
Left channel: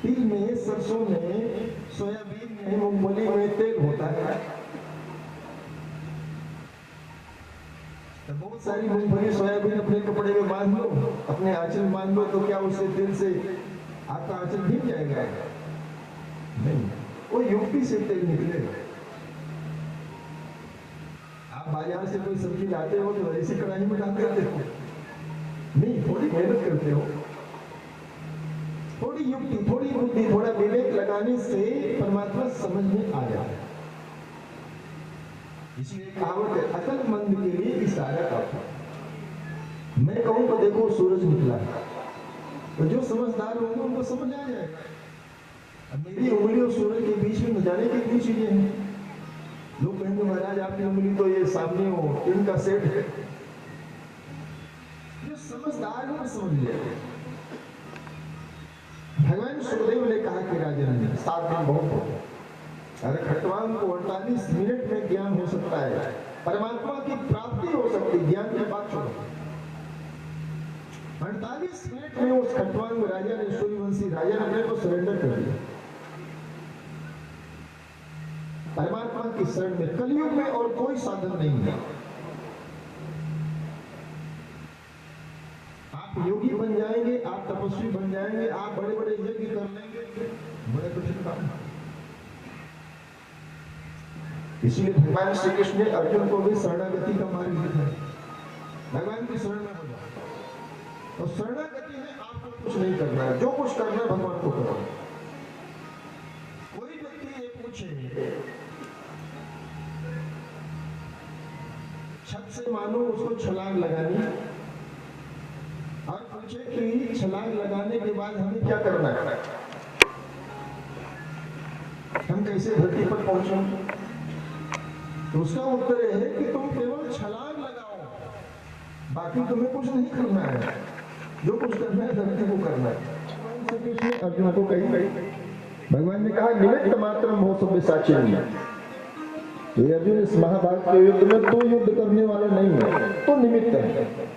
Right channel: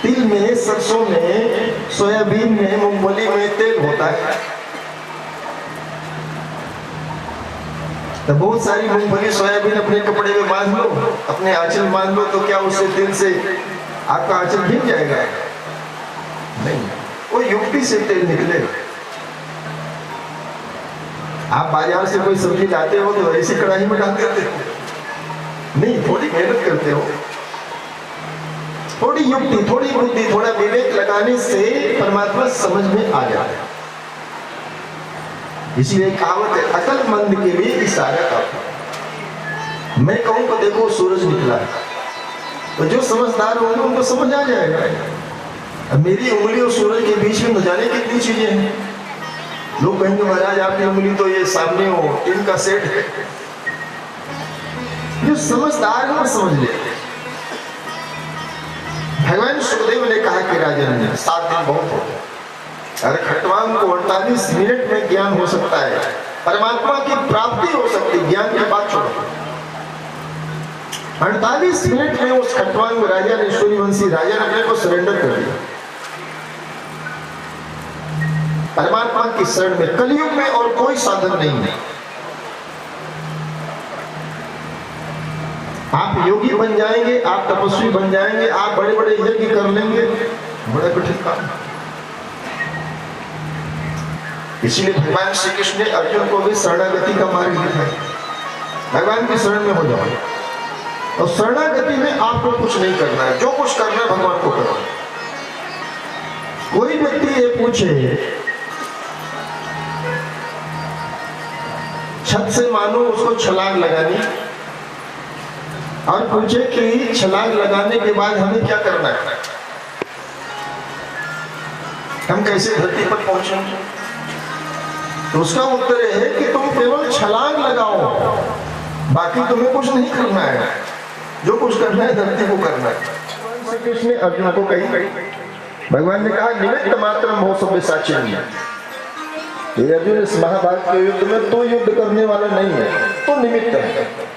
तिल में, सरसों में, सोयाबीन में, मूंगफली में तेल होता है। तो बहुत सारी मूंगफली सोयाबीन अपने कपड़े में बांध लो, अपने आंचल में बांध लो, तो क्या उससे तेल से आपका आंचल भीग जाएगा? नहीं, वो युक्ति से तेल निकलेगा। आप बाजार से कोई सब्जी लाते हो तो ऐसी कढ़ाई में डाल देते हो? नहीं, थोड़ी मेहनत करते हो, थोड़ी युक्ति, थोड़ी बुद्धि, थोड़ा विवेक लगाने से परमात्मा समझ में आ जाता है। इसलिए कहावत है, अकलमंद के लिए इशारा काफी। मैं कहूं तो देखो सूरज निकला है, तो जो समझदार होंगे उनको समझ आ जाएगा। अब मेरी उंगली और सूरज के बीच में न जाने कितनी चीजें हैं। लोग कहेंगे महाराज आपकी उंगली तो ये सामने हो टीम का सेट है। जो समझदार है वो समझ लेते। भगवान सुखदेव ने कहा कि राजन 7 दिन बहुत हो गए, अगर खट्वांग को 48 मिनट में ज्ञान हो सकता है, परमात्मा की प्राप्ति हो सकती, ज्ञान की बात छोड़ो। 48 मिनट में उस खट्वांग राजा ने, सूर्यवंशी राजा ने अपने को सरेंडर कर दिया परमात्मा की शरण में। कलयुग में और कोई साधन नहीं है। आप योगी बन जाएंगे, आप तपस्वी बन जाएंगे, आप बड़े बड़े यज्ञ कर लेंगे, बड़ा कठिन काम। इसीलिए भगवान श्री कृष्ण ने अर्जुन को भी शरणागति का मार्ग दिखाया। भगवान की शरण में हो जाओ, और शरणागति में आपको कुछ नहीं करना है, जो कुछ करना है भगवान को करो। कोई व्यक्ति ये पूछे, छत से मानो उसको छलांग लगानी, और पूछे कि छलांग लगाने के बाद हमें क्या करना है, हम कैसे धरती पर पहुंचेंगे? तो उसका उत्तर है कि तुम केवल छलांग लगाओ, बाकी तुम्हें कुछ नहीं करना है। जो कुछ करना है धरती को करना है। श्री कृष्ण ने अर्जुन को कही, भगवान ने कहा निमित्त मात्र मोह सभ्य साक्षी। ये अर्जुन, इस महाभारत के युद्ध में तो युद्ध करने वाला नहीं है, तो निमित्त है।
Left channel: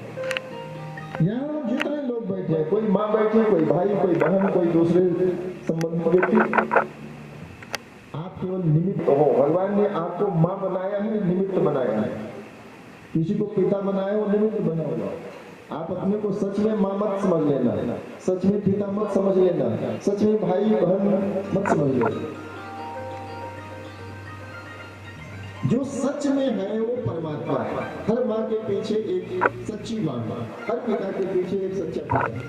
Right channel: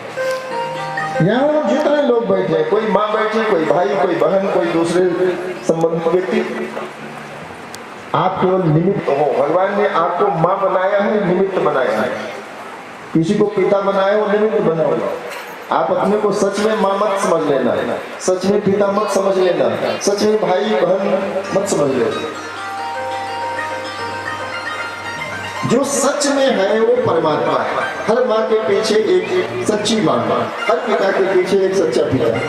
यहाँ जितने लोग बैठे हैं, कोई माँ बैठी, कोई भाई, कोई बहन, कोई दूसरे संबंधित व्यक्ति, आप केवल निमित्त हो। भगवान ने आपको माँ बनाया है, निमित्त बनाया है। किसी को पिता बनाया वो निमित्त बनाओ। आप अपने को सच में माँ मत समझ लेना, सच में पिता मत समझ लेना, सच में भाई बहन मत समझ लेना। जो सच में है वो परमात्मा है। हर माँ के पीछे एक सच्ची माँ, हर पिता के पीछे एक सच्चा पिता है।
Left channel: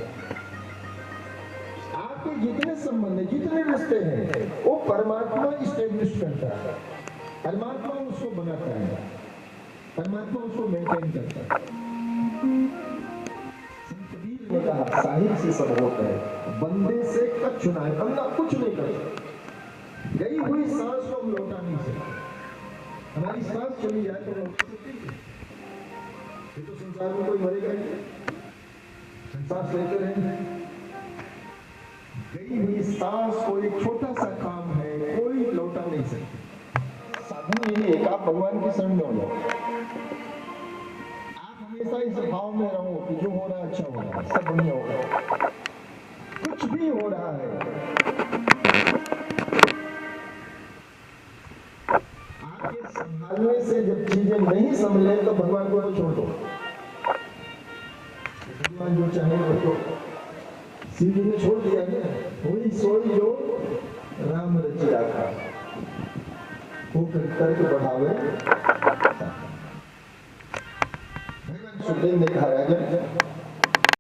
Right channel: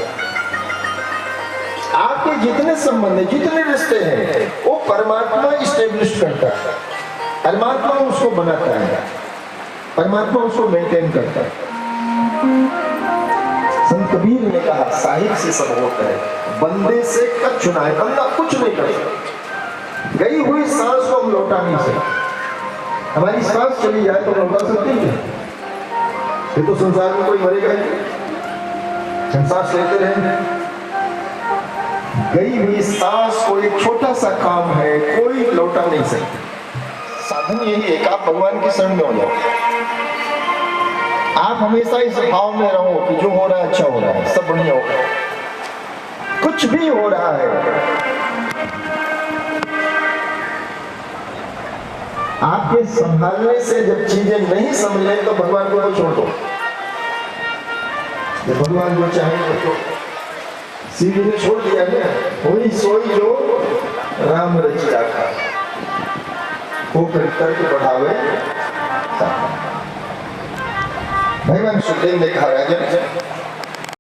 आपके जितने संबंध हैं, जितने रिश्ते हैं, वो परमात्मा इस्टेब्लिश करता है, परमात्मा उसको बनाता है, परमात्मा उसको मेंटेन करता है। संत कबीर ने कहा साहिब से सब होता है, बंदे से कछ चुना है। बंदा कुछ नहीं कर सकता। गई हुई सांस को हम लौटा नहीं सकते। हमारी सांस चली जाए तो लौटा सकते हैं? ये तो संसार में कोई मरेगा ही, हम सांस लेते रहेंगे। गई हुई सांस को एक छोटा सा काम है, कोई लौटा नहीं सकता। साधन यही है कि आप भगवान की शरण में हो जाओ। आप हमेशा इस भाव में रहो कि जो हो रहा है अच्छा हो रहा है, सब बढ़िया हो रहा है। कुछ भी हो रहा है, आपके संभालने से जब चीजें नहीं संभले तो भगवान को छोड़ दो। जब भगवान जो चाहे तो सीधी ने छोड़ दिया ना, वही सोई जो राम रची राखा, वो तर्क बढ़ावे। भगवान सुखदेव ने कहा राजन,